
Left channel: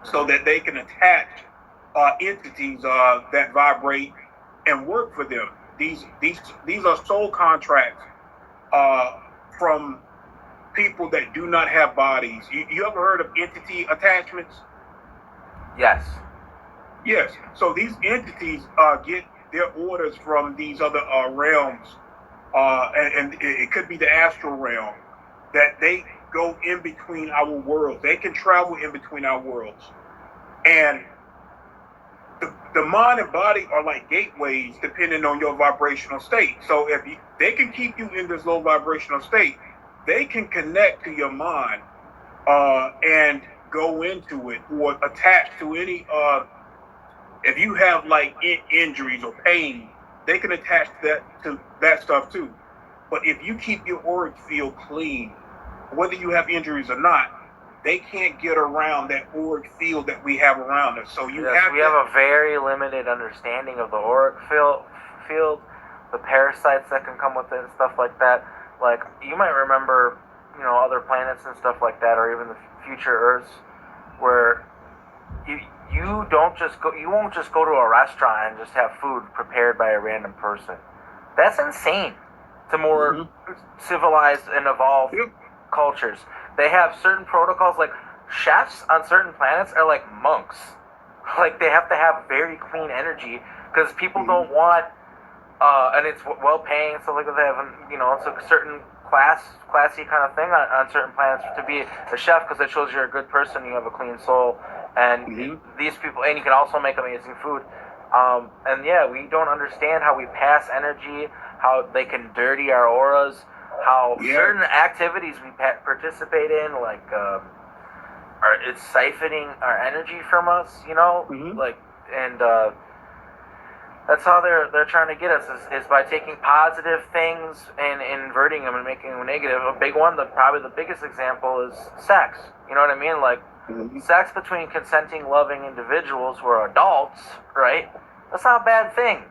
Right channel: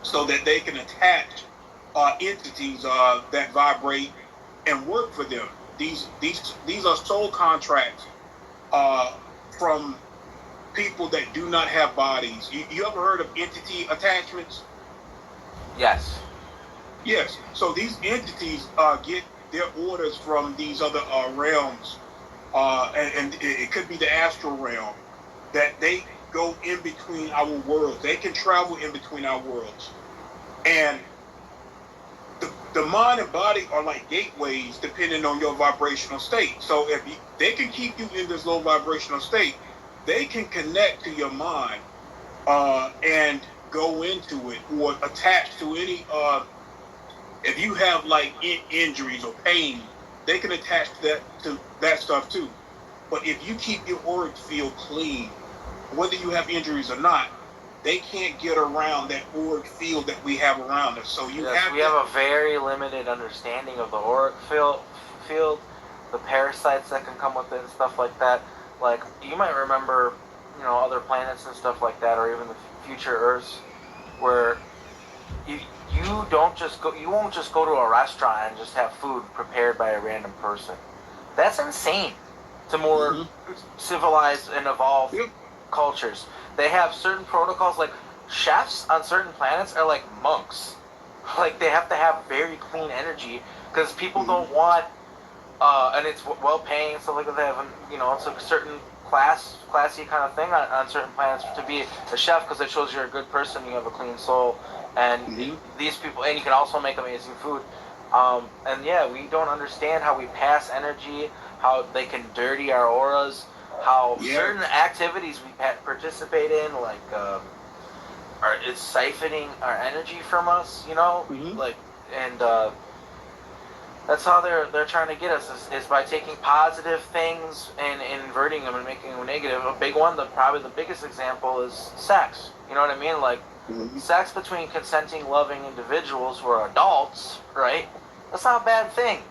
so that they can attach entities that vibrate and work for them. These are soul contracts from people that do not have bodies. You ever heard of entity attachments? Yes. Yes. So these entities get their orders from these other realms, and it could be the astral realm, that they go in between our worlds. They can travel in between our worlds. And the mind and body are like gateways depending on your vibrational state. So if they can keep you in this low vibrational state, they can connect to your mind and go into it or attach to any if you have injuries or pain, they can attach to that stuff too. But if you keep your auric field clean, whether you have injuries or not, they can't get around that auric field that we have around us. So you Yes, we have a very limited understanding of the auric field, the parasites that can come with it and stuff like that. Like, you might remember, other planets and stuff like that, or even the future Earths, where you don't just go, you won't just go to a restaurant and just have food prepared by a random person. That's insane to more civilized and evolved cultures. They have certain protocols, like chefs on certain planets are like monks. Like, they have to have very clean energy because people don't want, and it's well paying, so like they have, it's a certain classy kind of thing on certain planets to be a chef, because it shows you're a good person, you have a clean soul, and these people, and you can also make amazing food. And yeah, we don't understand how we pass energy, how they can dirty our auras, how certain activities we participate in, like it's siphoning our energy from us, like, and that's how they're trying to get us, is by taking positive things and inverting them and making them negative. A big one, probably the biggest example, is sex. You know what I mean? Like, sex between consenting, loving individuals who are adults, right? That's not a bad thing.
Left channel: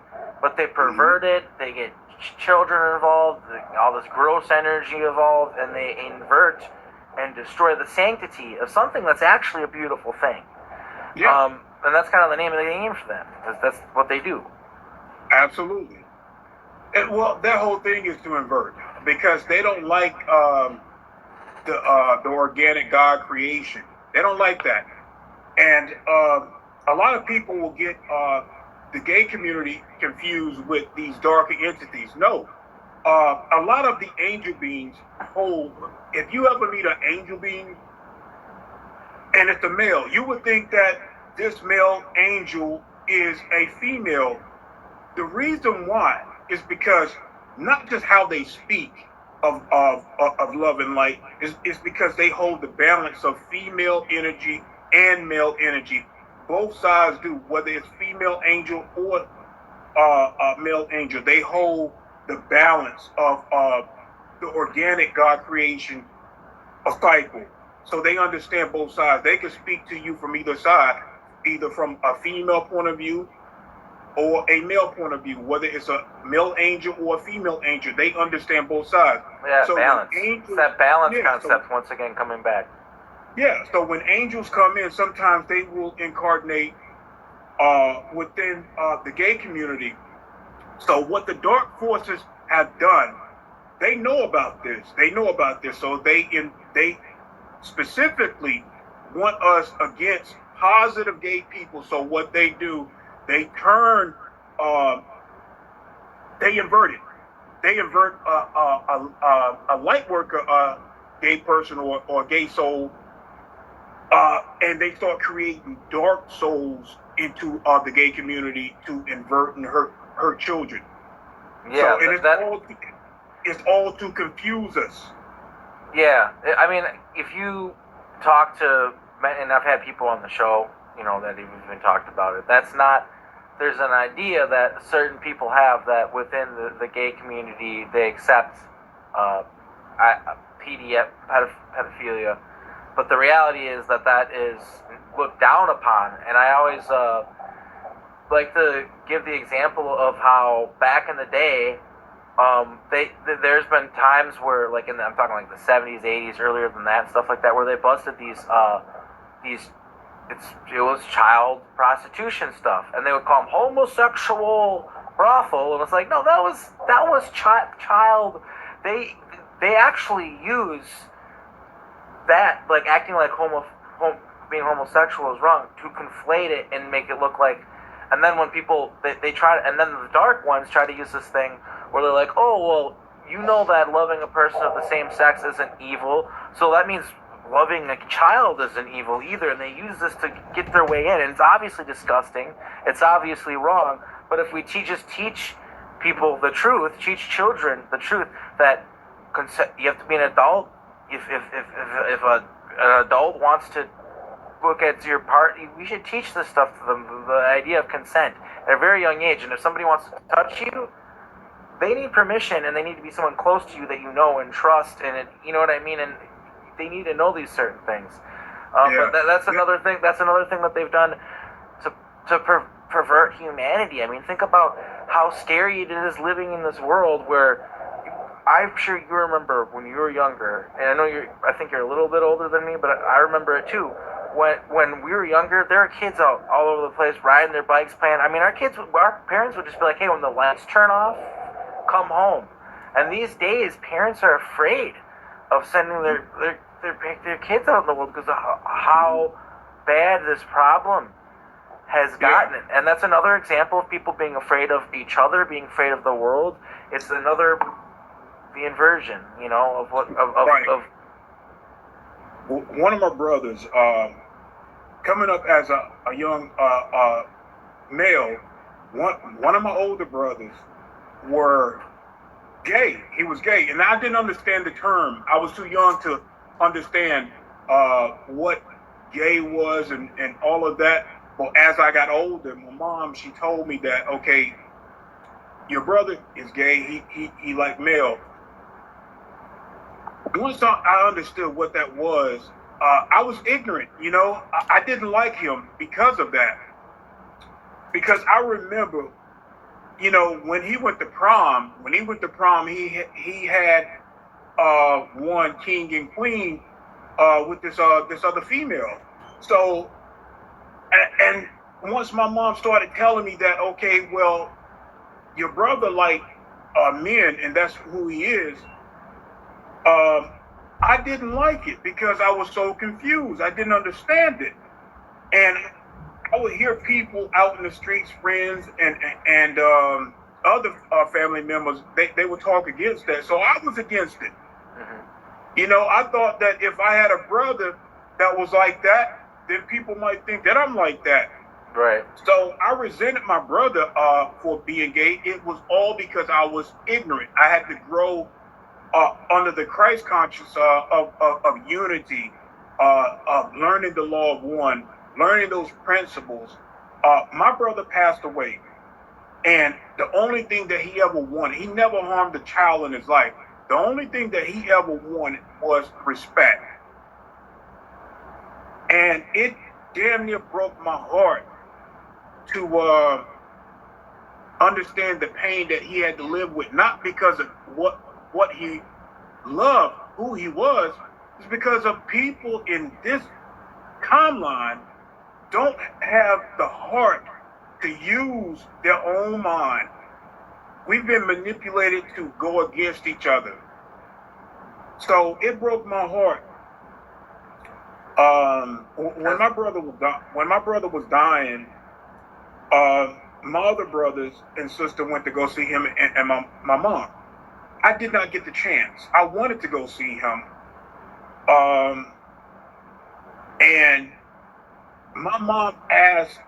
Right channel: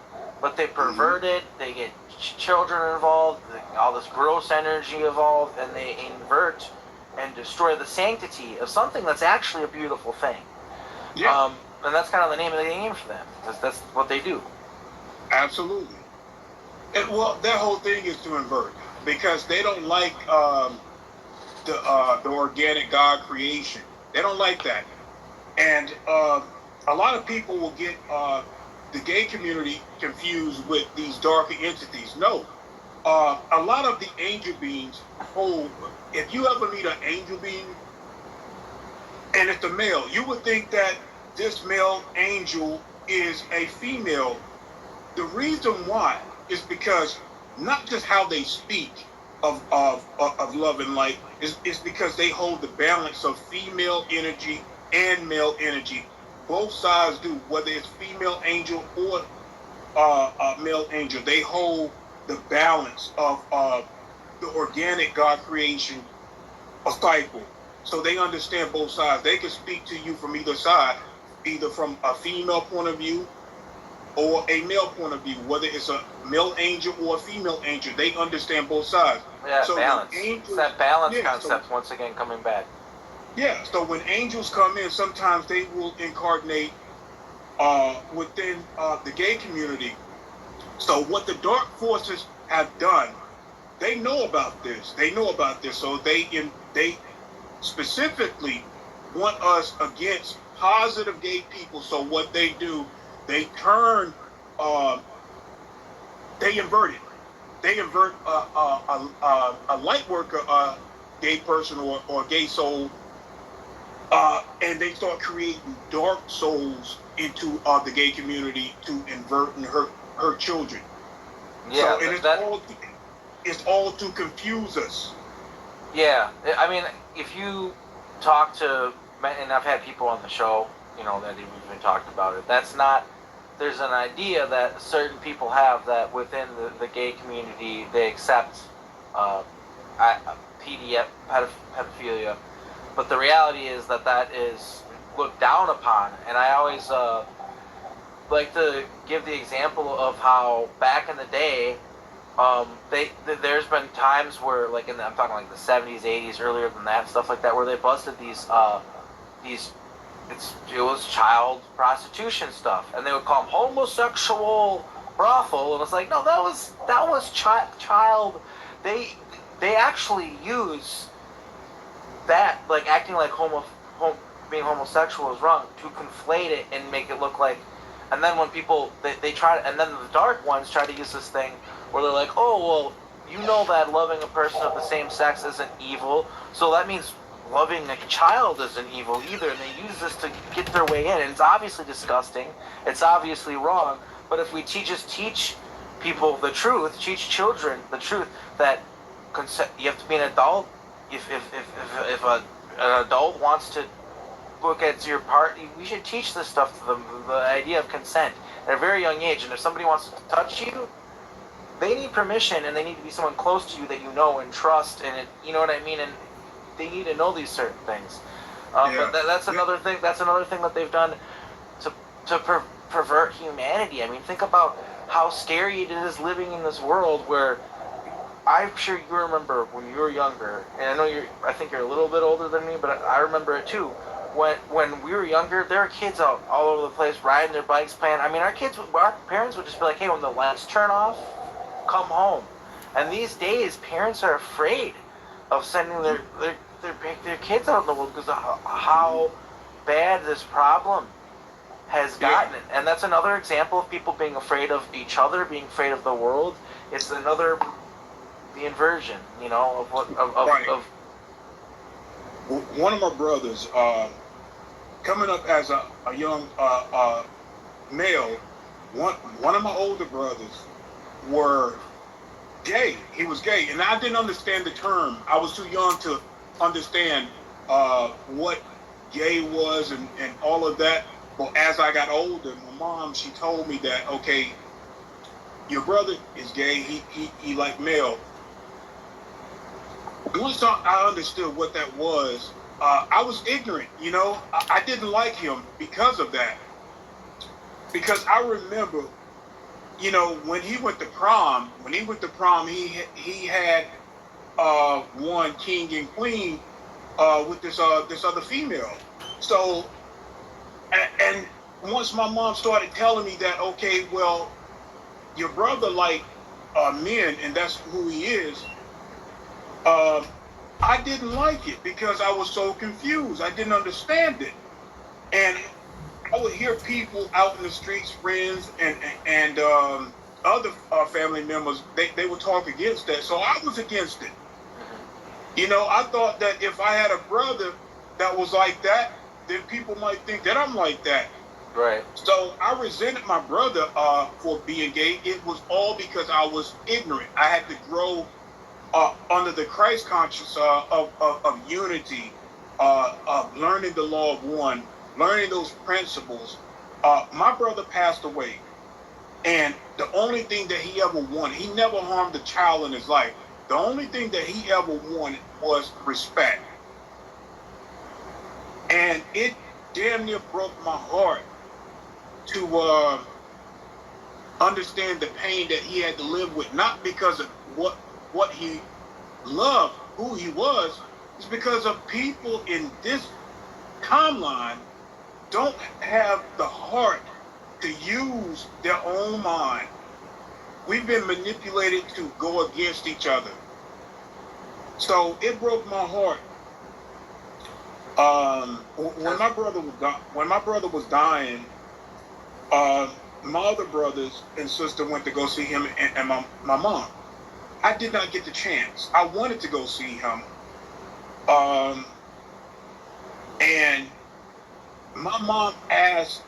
But they pervert it, they get children involved, all this gross energy involved, and they invert and destroy the sanctity of something that's actually a beautiful thing. Yeah. And that's kind of the name of the game for them, because that's what they do. Absolutely. And, well, their whole thing is to invert, because they don't like the organic God creation. They don't like that. And a lot of people will get the gay community confused with these darker entities. No. A lot of the angel beings hold, if you ever meet an angel being and it's a male, you would think that this male angel is a female. The reason why is because not just how they speak of love and light, is because they hold the balance of female energy and male energy. Both sides do, whether it's female angel or male angel. They hold the balance of the organic God creation, a cycle. So they understand both sides. They can speak to you from either side, either from a female point of view or a male point of view, whether it's a male angel or a female angel. They understand both sides. Yeah, so balance. It's that balance concept, once again, coming back. Yeah, so when angels come in, sometimes they will incarnate within the gay community. So what the dark forces have done, they know about this. They know about this. So they specifically want us against positive gay people. So what they do, they turn, they invert it. They invert a light worker, gay person or gay soul, and they start creating dark souls into the gay community to invert and hurt children. Yeah, so, it's all to confuse us. Yeah, I mean, if you talk to, and I've had people on the show, that even talked about it. That's not. There's an idea that certain people have that within the gay community they accept pedophilia, but the reality is that is looked down upon. And I always like to give the example of how back in the day, there's been times where, like I'm talking like the 70s, 80s, earlier than that, stuff like that, where they busted these it was child prostitution stuff, and they would call them homosexual brothel, and it's like, no, that was child. They actually use that, like acting like being homosexual is wrong, to conflate it and make it look like. And then when people they try to, and then the dark ones try to use this thing where they're like, oh well, that loving a person of the same sex isn't evil, so that means loving a child isn't evil either, and they use this to get their way in. And it's obviously disgusting, it's obviously wrong, but if we just teach people the truth, teach children the truth, that you have to be an adult. If an adult wants to look at your part, we should teach this stuff to them, the idea of consent at a very young age. And if somebody wants to touch you, they need permission, and they need to be someone close to you that you know and trust, and you know what I mean, and they need to know these certain things. But that's another thing. That's another thing that they've done to pervert humanity. I mean, think about how scary it is living in this world where I'm sure you remember when you were younger, and I know I think you're a little bit older than me, but I remember it too. When we were younger, there were kids out all over the place riding their bikes, playing. I mean, our parents would just be like, "Hey, when the lights turn off, come home." And these days, parents are afraid of sending their kids out in the world because of how bad this problem has gotten. And that's another example of people being afraid of each other, being afraid of the world. It's another the inversion, you know, of what Right. of One of my brothers, coming up as a young male, one of my older brothers were gay. He was gay, and I didn't understand the term. I was too young to understand what gay was and all of that. But as I got older, my mom, she told me that, okay, your brother is gay. He like male. Once I understood what that was, I was ignorant. You know, I didn't like him because of that. Because I remember, you know, when he went to prom, he had one king and queen with this other female. So, and once my mom started telling me that, okay, well, your brother like men, and that's who he is. Um, I didn't like it because I was so confused. I didn't understand it, and I would hear people out in the streets, friends and other family members. They would talk against that, so I was against it. You know, I thought that if I had a brother that was like that, then people might think that I'm like that. right. So I resented my brother for being gay. It was all because I was ignorant. I had to grow under the Christ conscious of unity, of learning the law of one, learning those principles. My brother passed away, and the only thing that he ever wanted, he never harmed a child in his life. The only thing that he ever wanted was respect. And it damn near broke my heart to understand the pain that he had to live with, not because of what he loved, who he was, it's because of people in this timeline don't have the heart to use their own mind. We've been manipulated to go against each other. So it broke my heart. When my brother was dying, my other brothers and sister went to go see him and my mom. I did not get the chance. I wanted to go see him. And my mom asked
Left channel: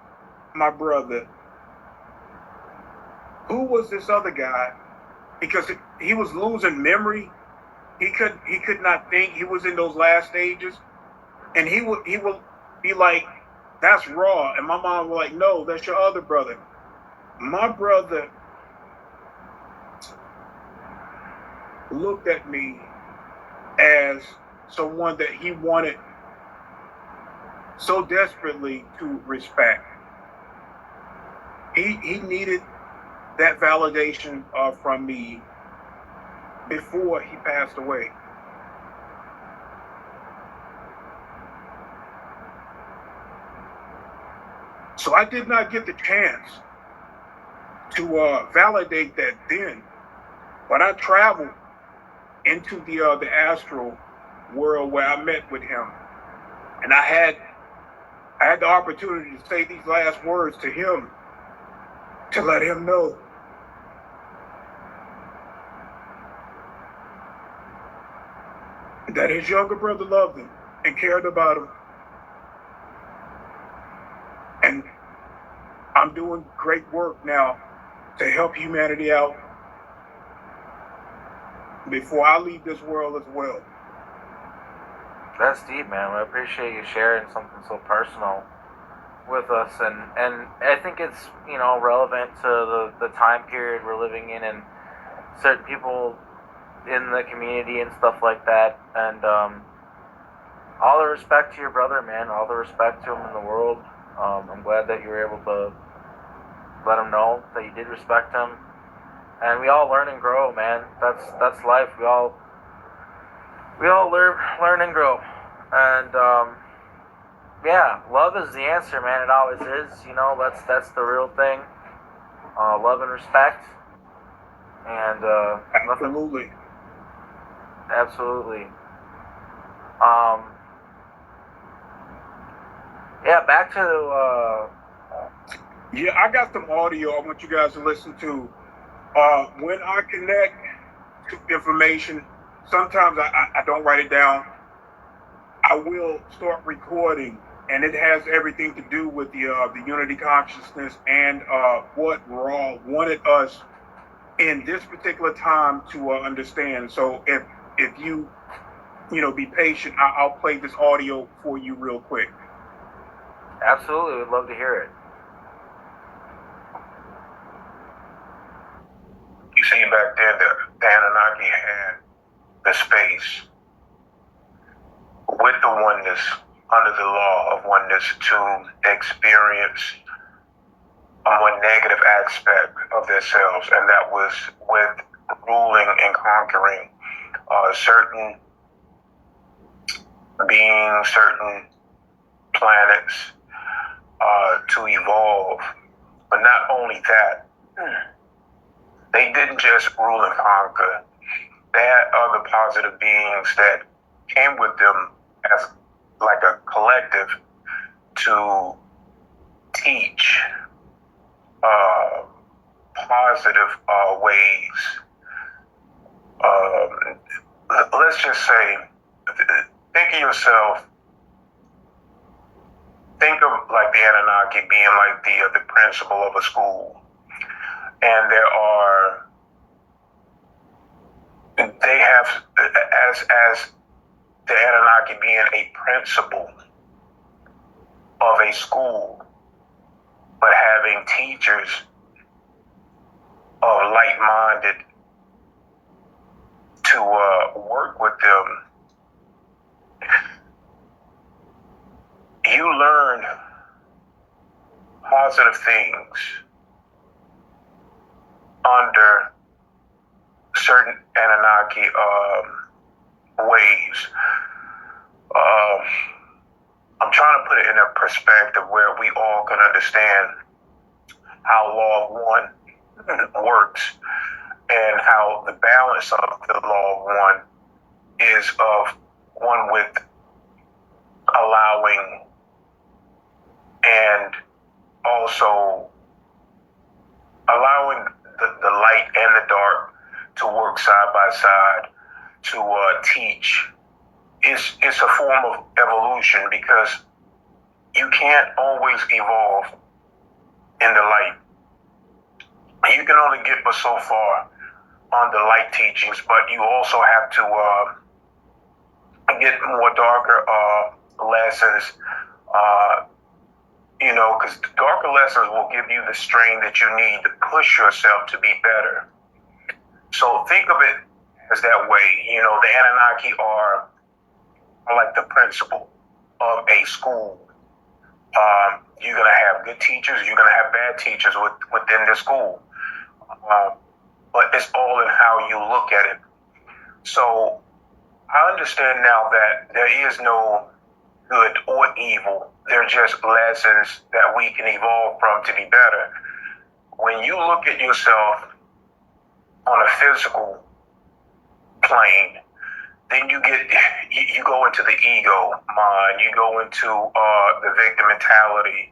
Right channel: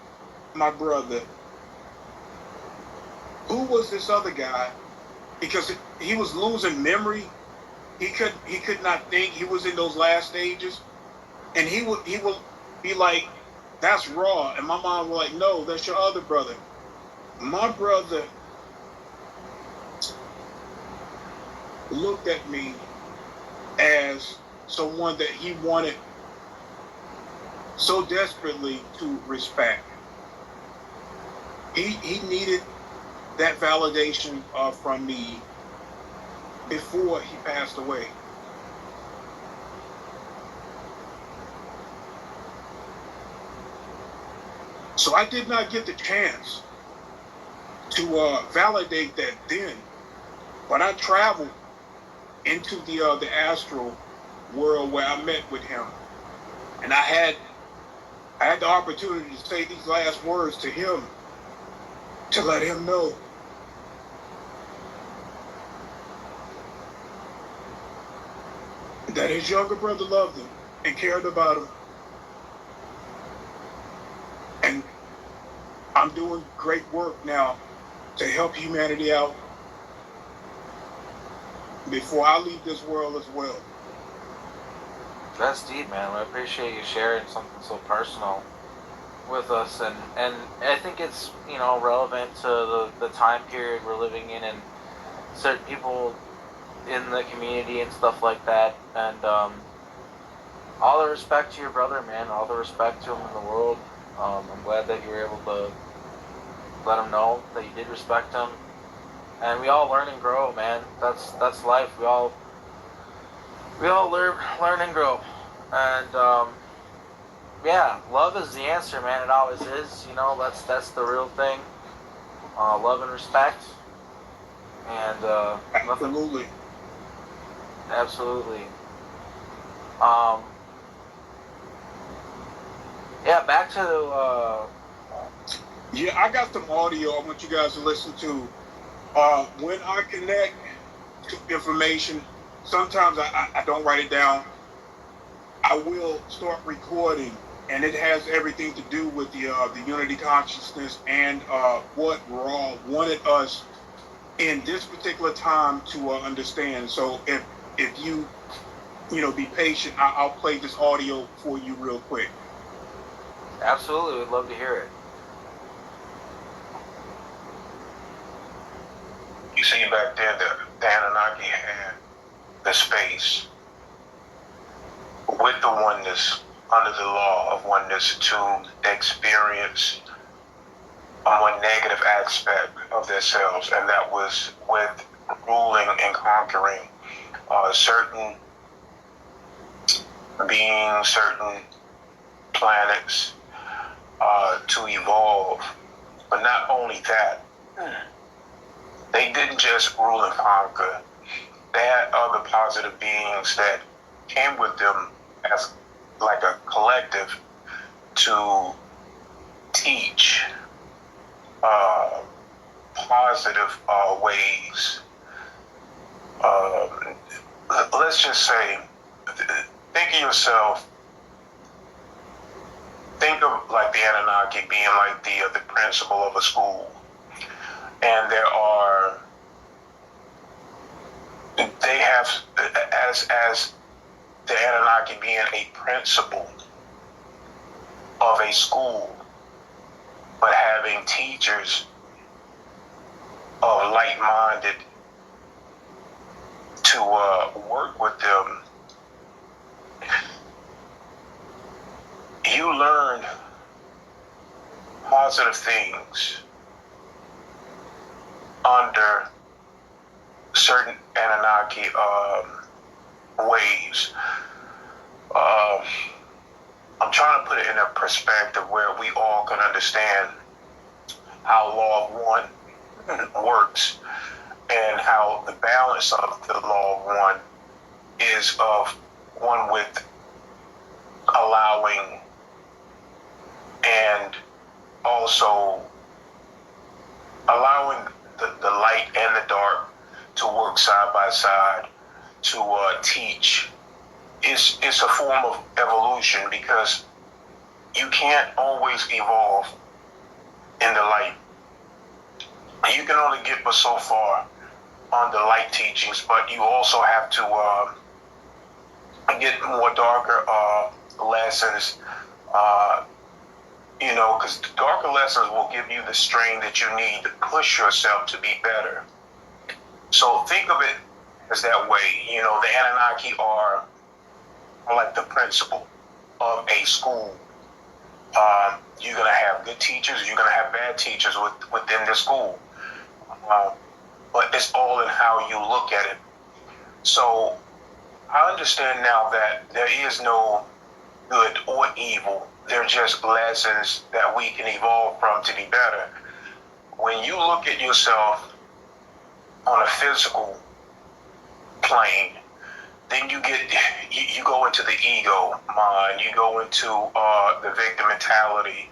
my brother, who was this other guy? Because he was losing memory. He could not think. He was in those last stages. And he would be like, that's Raw. And my mom was like, no, that's your other brother. My brother looked at me as someone that he wanted so desperately to respect. He needed that validation from me before he passed away. So I did not get the chance to validate that then. But I traveled into the astral world where I met with him, and I had the opportunity to say these last words to him, to let him know that his younger brother loved him and cared about him. And I'm doing great work now to help humanity out before I leave this world as well. That's deep, man. I appreciate you sharing something so personal with us, and I think it's, you know, relevant to the time period we're living in, and certain people in the community and stuff like that. And all the respect to your brother, man. All the respect to him in the world. I'm glad that you were able to let him know that you did respect him. And we all learn and grow, man. That's life. We all learn and grow. And yeah, love is the answer, man. It always is. You know, that's the real thing. Love and respect. And nothing. Absolutely. Absolutely. Um, yeah, back to Yeah, I got some audio I want you guys to listen to. When I connect to information, sometimes I don't write it down. I will start recording, and it has everything to do with the unity consciousness and what Ra wanted us in this particular time to understand. So if you be patient, I'll play this audio for you real quick. absolutely, we'd love to hear it. You see, back then, the Anunnaki had the space with the oneness, under the law of oneness, to experience a more negative aspect of themselves, and that was with ruling and conquering certain beings, certain planets, to evolve. But not only that, they didn't just rule and conquer. They had other positive beings that came with them as like a collective to teach positive ways. Let's just say, think of yourself, think of like the Anunnaki being like the principal of a school. And they have, as the Anunnaki being a principal of a school, but having teachers of like-minded to work with them, you learn positive things under certain Anunnaki ways. I'm trying to put it in a perspective where we all can understand how law of one works and how the balance of the law of one is of one with allowing and also allowing the light and the dark to work side by side to teach. It's a form of evolution, because you can't always evolve in the light. You can only get but so far on the light teachings, but you also have to get more darker lessons, because the darker lessons will give you the strain that you need to push yourself to be better. So think of it as that way. The Anunnaki are like the principal of a school. You're going to have good teachers, you're going to have bad teachers within the school. But it's all in how you look at it. So I understand now that there is no good or evil. They're just lessons that we can evolve from to be better. When you look at yourself on a physical plane, then you go into the ego mind, you go into the victim mentality,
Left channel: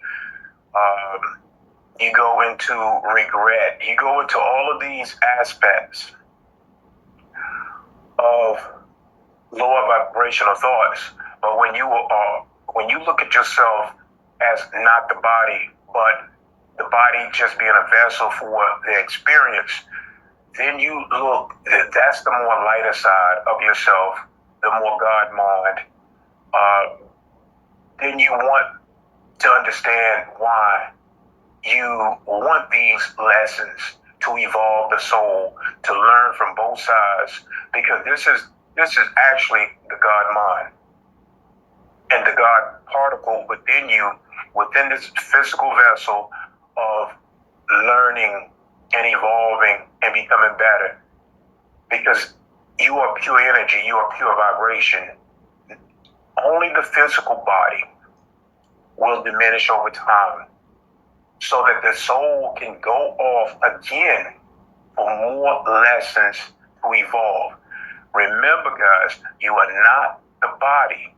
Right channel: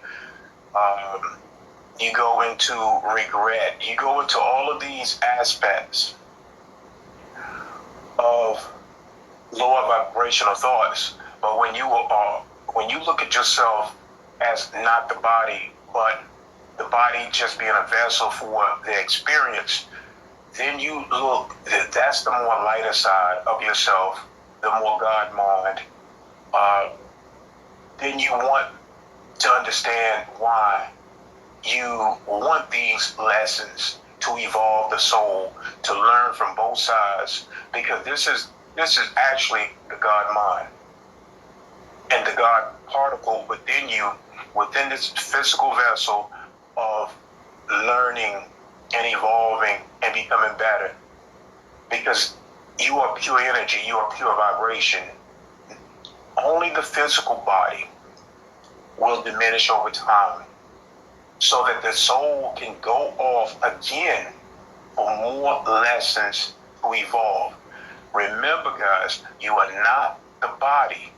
you go into regret, you go into all of these aspects of lower vibrational thoughts. But when you look at yourself as not the body, but the body just being a vessel for the experience, then you look, that's the more lighter side of yourself, the more God mind. Then you want to understand why you want these lessons to evolve the soul, to learn from both sides, because this is actually the God mind. and the God particle within you, within this physical vessel of learning and evolving and becoming better. Because you are pure energy, you are pure vibration. Only the physical body will diminish over time so that the soul can go off again for more lessons to evolve. Remember, guys, you are not the body.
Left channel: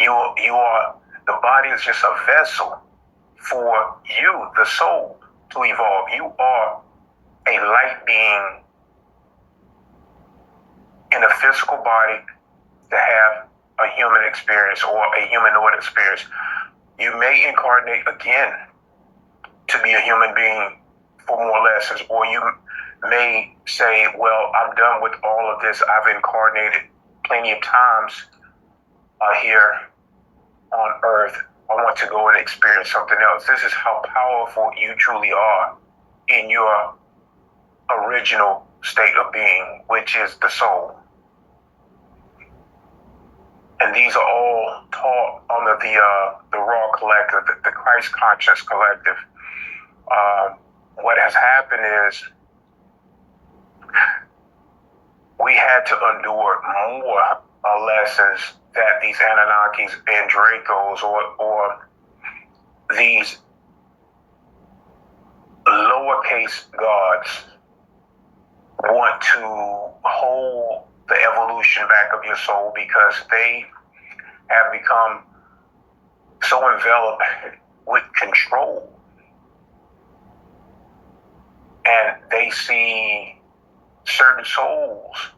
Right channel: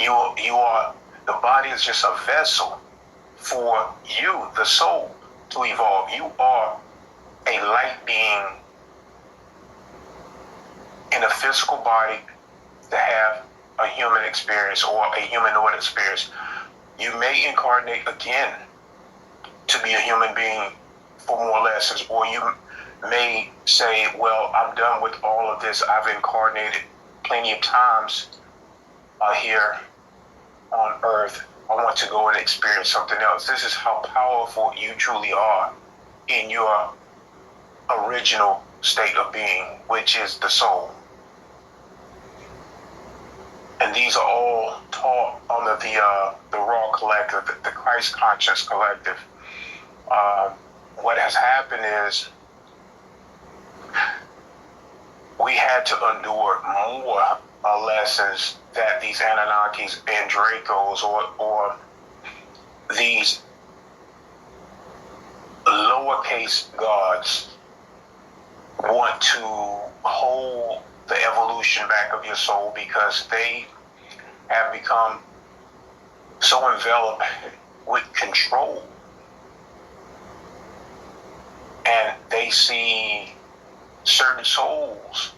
You are the body is just a vessel for you, the soul, to evolve. You are a light being in a physical body to have a human experience or a humanoid experience. You may incarnate again to be a human being for more lessons, or you may say, well, I'm done with all of this. I've incarnated plenty of times here on Earth. I want to go and experience something else. This is how powerful you truly are in your original state of being, which is the soul. And these are all taught under the Raw Collective, the Christ Conscious Collective. What has happened is we had to endure more lessons that these Anunnakis and Dracos or these lowercase gods want to hold the evolution back of your soul, because they have become so enveloped with control, and they see certain souls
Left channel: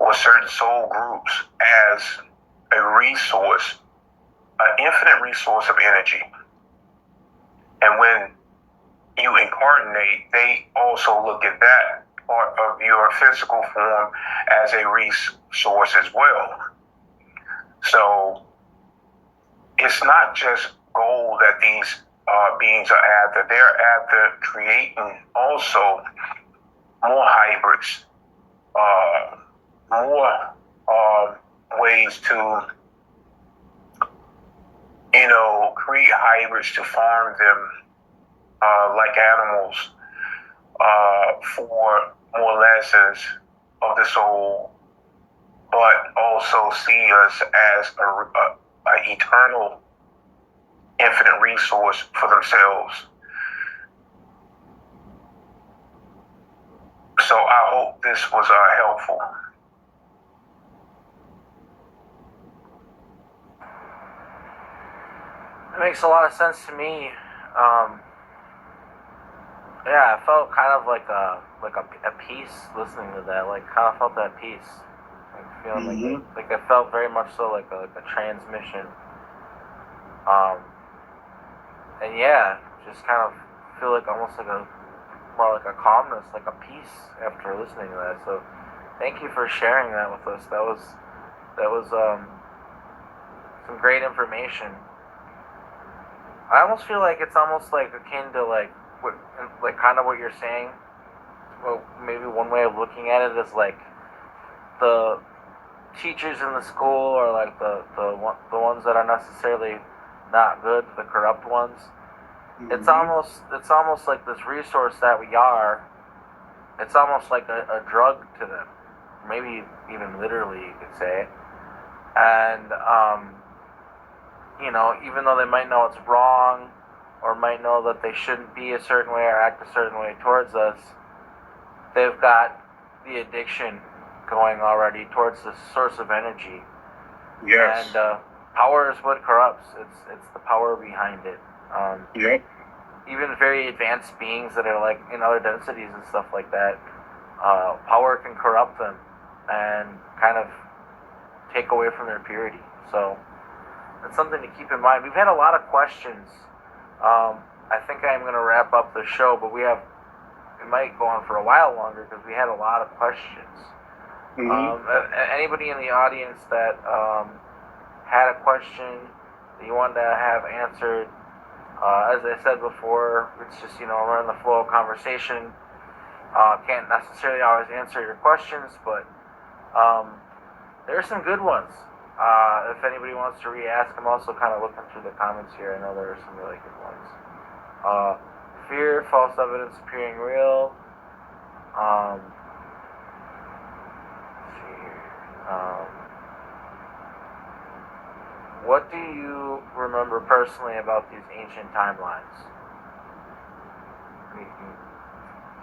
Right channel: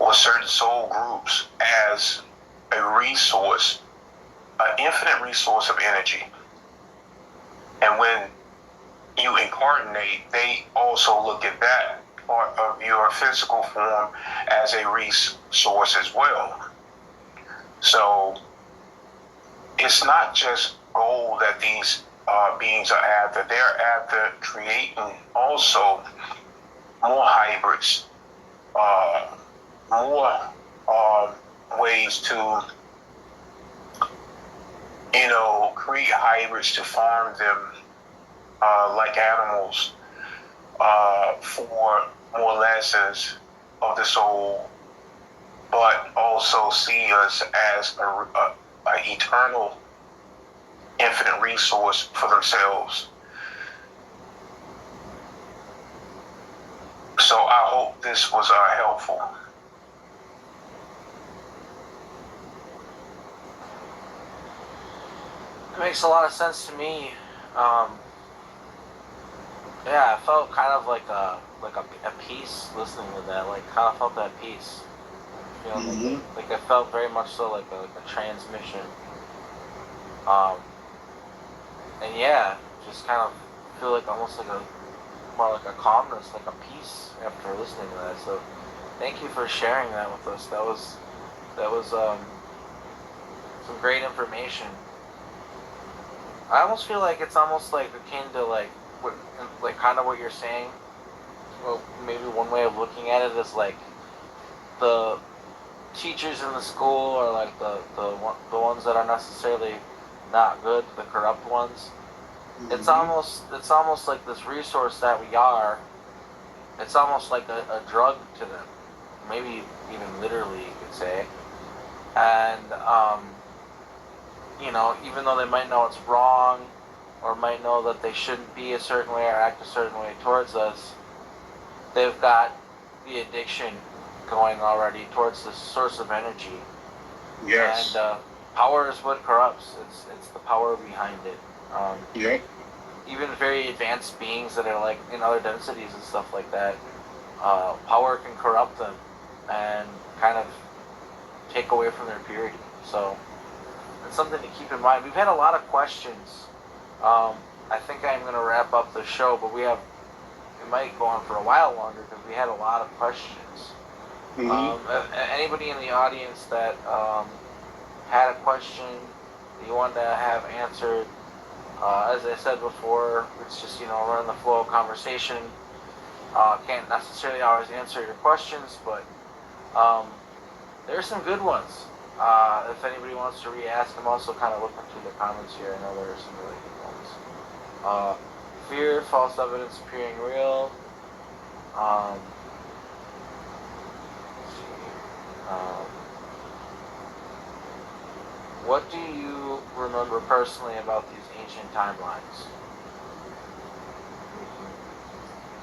or certain soul groups as a resource, an infinite resource of energy. And when you incarnate, they also look at that part of your physical form as a resource as well. So it's not just gold that these beings are after. They're after creating also more hybrids, more ways to, create hybrids to farm them like animals for more lessons of the soul, but also see us as a eternal, infinite resource for themselves. So I hope this was helpful. It makes a lot of sense to me. Yeah, I felt kind of like a peace listening to that. Like, kind of felt that peace. Like, feeling like I felt very much so like a transmission. And yeah, just kind of feel like almost like more like a calmness, like a peace after listening to that. So, thank you for sharing that with us. That was some great information. I almost feel like it's almost like akin to like kind of what you're saying. Well, maybe one way of looking at it is like the teachers in the school, or like the ones that are necessarily not good, the corrupt ones. It's almost like this resource that we are. It's almost like a drug to them, maybe even literally, you could say. And even though they might know it's wrong, or might know that they shouldn't be a certain way or act a certain way towards us, they've got the addiction going already towards this source of energy. Yes. And power is what corrupts. It's the power behind it. Yep. Even very advanced beings that are like in other densities and stuff like that, power can corrupt them and kind of take away from their purity. So it's something to keep in mind. We've had a lot of questions. I think I'm going to wrap up the show, but we might go on for a while longer because we had a lot of questions. Anybody in the audience that had a question that you wanted to have answered, as I said before, it's just, we're in the flow of conversation. Can't necessarily always answer your questions, but there's some good ones. If anybody wants to re-ask, I'm also kind of looking through the comments here. I know there are some really good ones. Fear, false evidence appearing real. Let's see. What do you remember personally about these ancient timelines?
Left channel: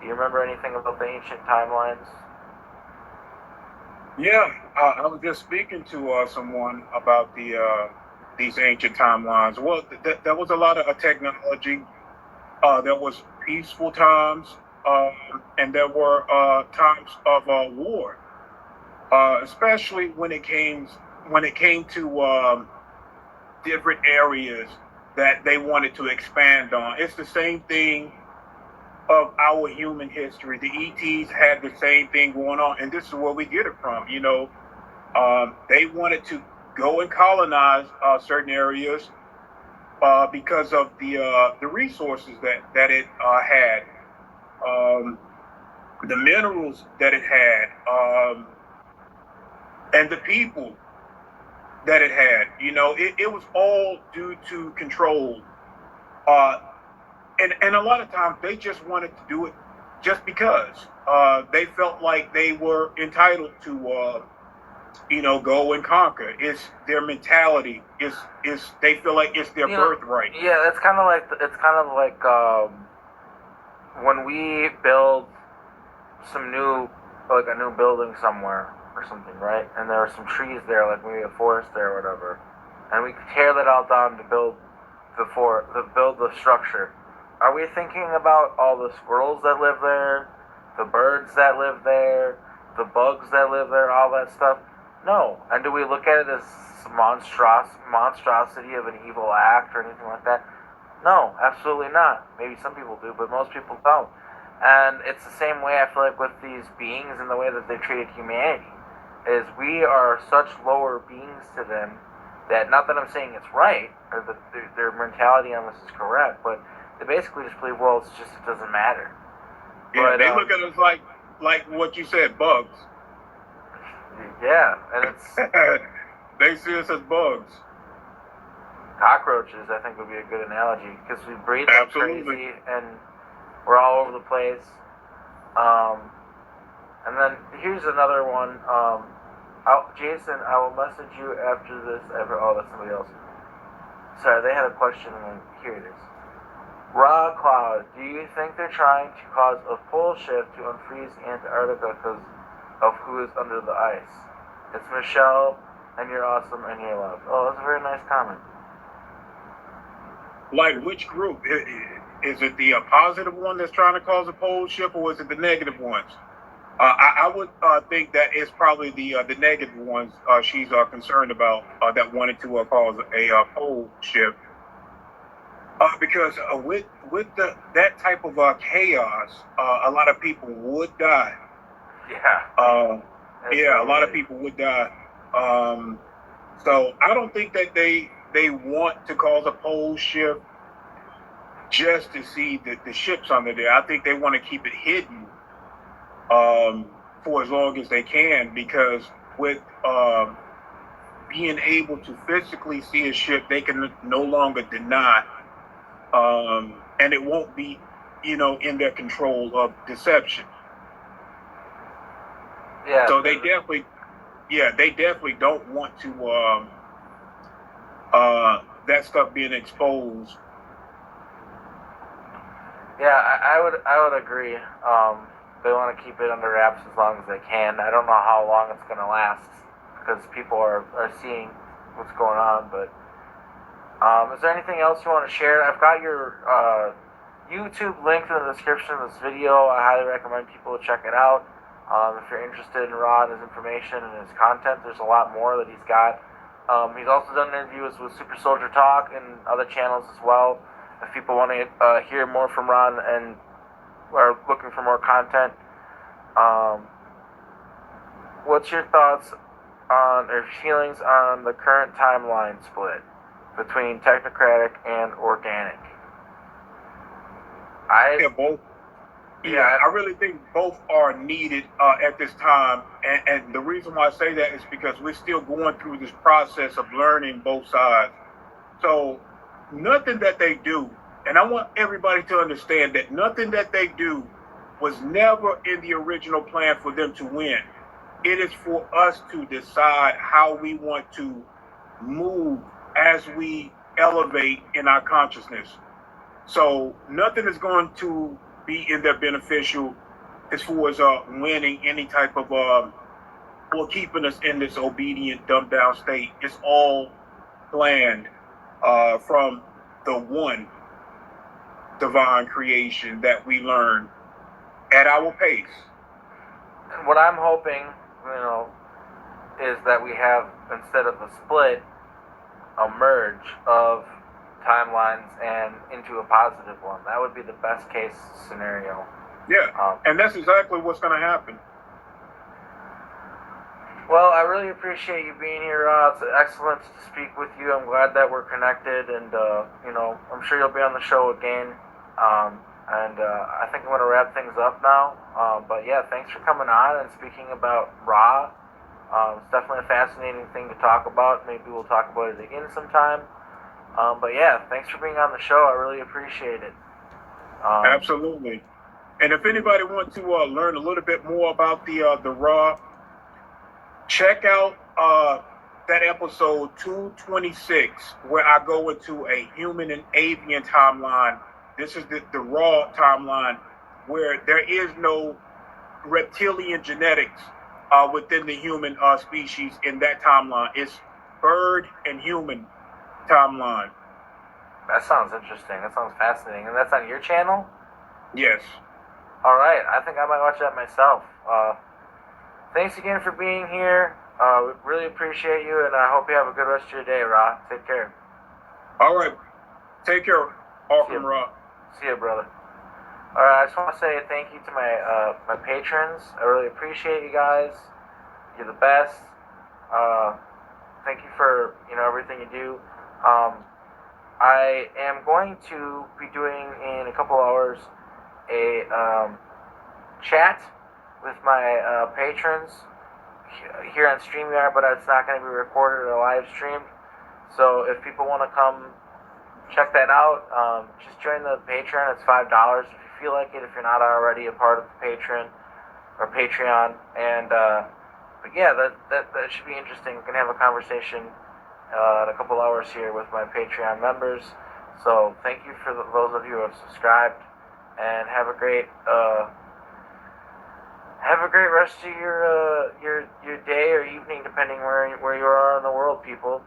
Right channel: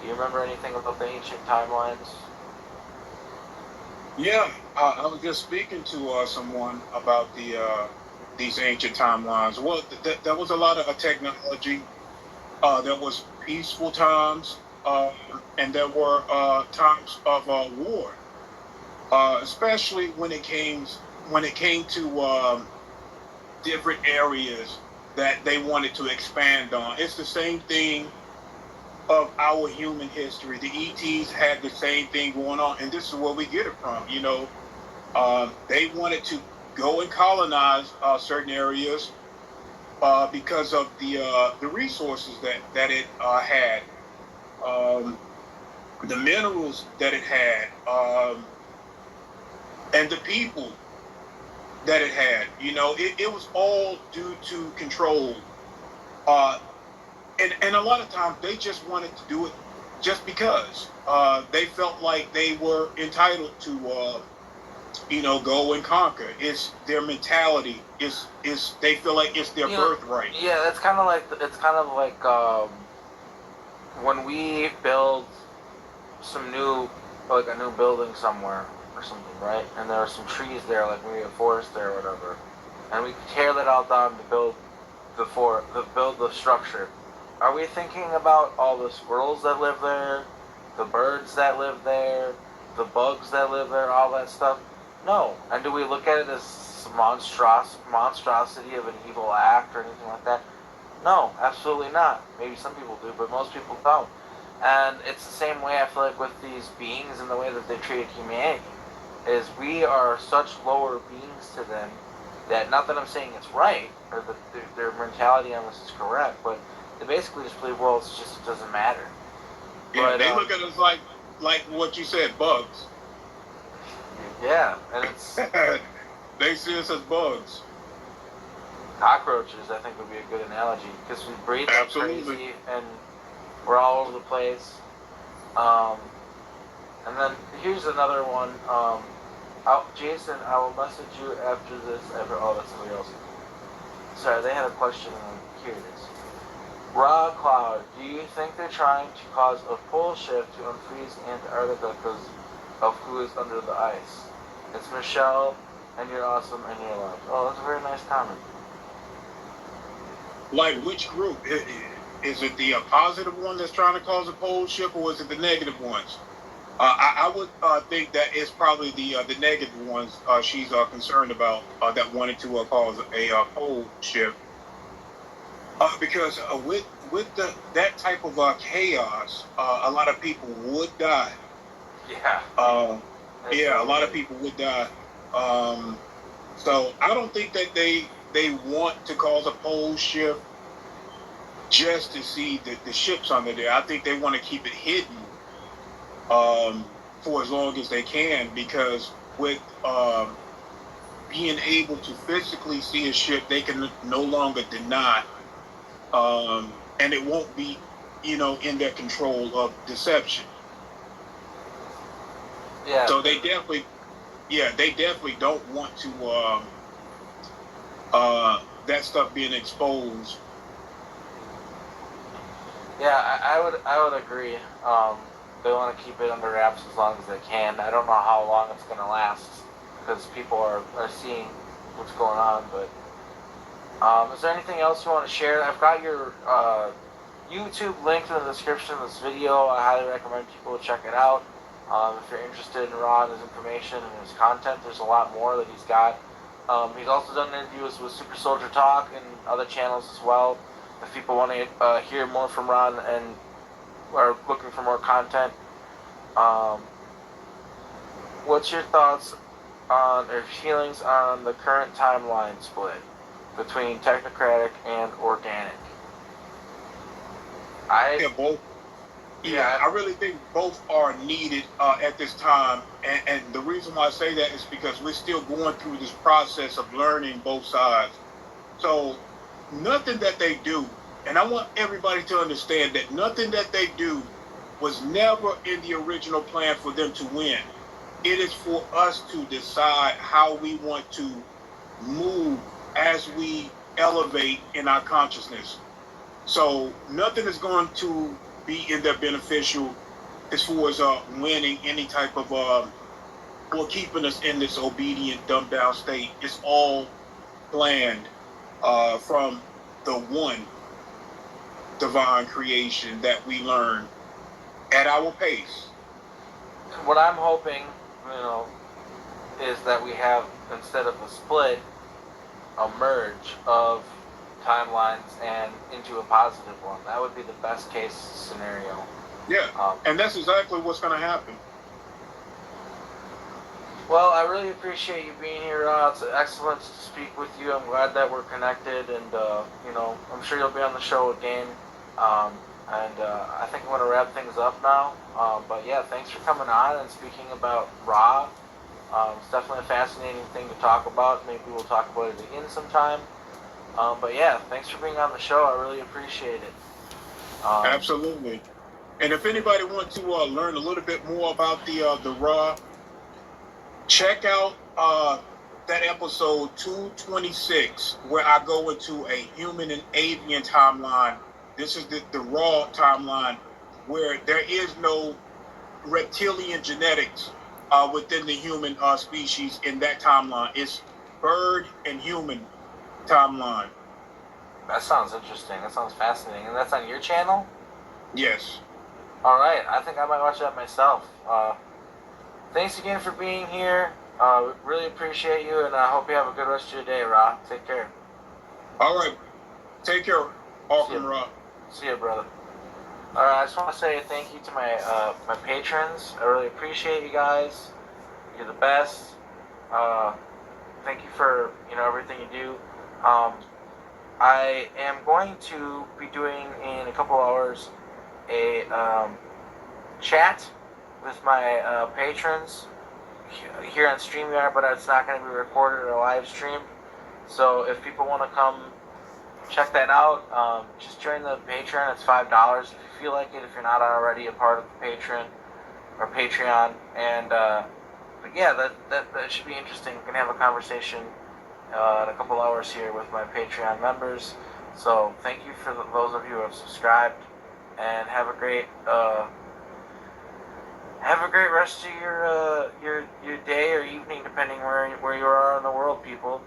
Do you remember anything about the ancient timelines? Yeah, I was just speaking to someone about these ancient timelines. Well, there was a lot of technology. There was peaceful times, and there were times of war, especially when it came to different areas that they wanted to expand on. It's the same thing of our human history. The ETs had the same thing going on, and this is where we get it from. They wanted to go and colonize certain areas because of the resources that it had, um, the minerals that it had, and the people that it had. It was all due to control. Uh, and a lot of times they just wanted to do it just because they felt like they were entitled to go and conquer. It's their mentality. It's they feel like it's their birthright. Yeah, it's kind of like when we build like a new building somewhere or something, right? And there are some trees there, like maybe a forest there or whatever, and we tear that all down to build the structure. Are we thinking about all the squirrels that live there, the birds that live there, the bugs that live there, all that stuff? No. And do we look at it as monstrosity of an evil act or anything like that? No, absolutely not. Maybe some people do, but most people don't. And it's the same way I feel like with these beings and the way that they treated humanity. Is we are such lower beings to them that, not that I'm saying it's right or that their mentality on this is correct, but they basically just believe, well, it doesn't matter. Yeah, But, they look at us like what you said, bugs. Yeah, and it's They see us as bugs. cockroaches. I think would be a good analogy because we breathe like Absolutely. crazy and we're all over the place. And then here's another one. Jason, I will message you after this. Oh, that's somebody else. Sorry, they had a question, and here it is. Raw Cloud, do you think they're trying to cause a pole shift to unfreeze Antarctica because of who is under the ice? It's Michelle, and you're awesome, and you're loved. Oh, that's a very nice comment. Like which group? Is it the positive one that's trying to cause a pole shift, or is it the negative ones? I would think that it's probably the negative ones she's concerned about that wanted to cause a pole shift. Because with that type of chaos, a lot of people would die. Yeah. Yeah, a lot of people would die. Um, so I don't think that they want to cause a pole shift just to see the ships under there. I think they want to keep it hidden for as long as they can, because with being able to physically see a ship, they can no longer deny, and it won't be, in their control of deception. Yeah. So they definitely don't want to that stuff being exposed. Yeah, I would agree. They want to keep it under wraps as long as they can. I don't know how long it's going to last because people are seeing what's going on. But is there anything else you want to share? I've got your YouTube link in the description of this video. I highly recommend people check it out. If you're interested in Rod, his information and his content, there's a lot more that he's got. He's also done interviews with Super Soldier Talk and other channels as well. If people want to hear more from Ron and are looking for more content, what's your thoughts on or feelings on the current timeline split between technocratic and organic? Yeah, both. Yeah, I really think both are needed at this time. And the reason why I say that is because we're still going through this process of learning both sides. So nothing that they do, and I want everybody to understand that nothing that they do was never in the original plan for them to win. It is for us to decide how we want to move as we elevate in our consciousness. So nothing is going to be in their beneficial as far as winning any type of or keeping us in this obedient, dumbed down state. It's all planned from the one divine creation that we learn at our pace. What I'm hoping, is that we have, instead of a split, a merge of timelines and into a positive one. That would be the best case scenario. Yeah, and that's exactly what's going to happen. Well, I really appreciate you being here. It's excellent to speak with you. I'm glad that we're connected, and I'm sure you'll be on the show again. I think I'm going to wrap things up now. But yeah, thanks for coming on and speaking about Ra. It's definitely a fascinating thing to talk about. Maybe we'll talk about it again sometime. But yeah, thanks for being on the show. I really appreciate it. Absolutely. And if anybody wants to learn a little bit more about the Ra, check out that episode 226, where I go into a human and avian timeline. This is the Ra timeline, where there is no reptilian genetics within the human species in that timeline. It's bird and human timeline. That sounds interesting. That sounds fascinating. And that's on your channel? Yes. All right. I think I might watch that myself. Thanks again for being here. We really appreciate you, and I hope you have a good rest of your day, Ra. Take care. All right. Take care, Arkheim Ra. See you, brother. All right. I just want to say thank you to my patrons. I really appreciate you guys. You're the best. Thank you for everything you do. I am going to be doing in a couple hours a chat with my patrons here on StreamYard, but it's not going to be recorded or live streamed. So if people want to come check that out, just join the Patreon. It's $5 if you feel like it, if you're not already a part of the Patreon. And but yeah, that should be interesting. We're going to have a conversation in a couple hours here with my Patreon members. So thank you for those of you who have subscribed, and have a great rest of your day or evening, depending where you are in the world, people.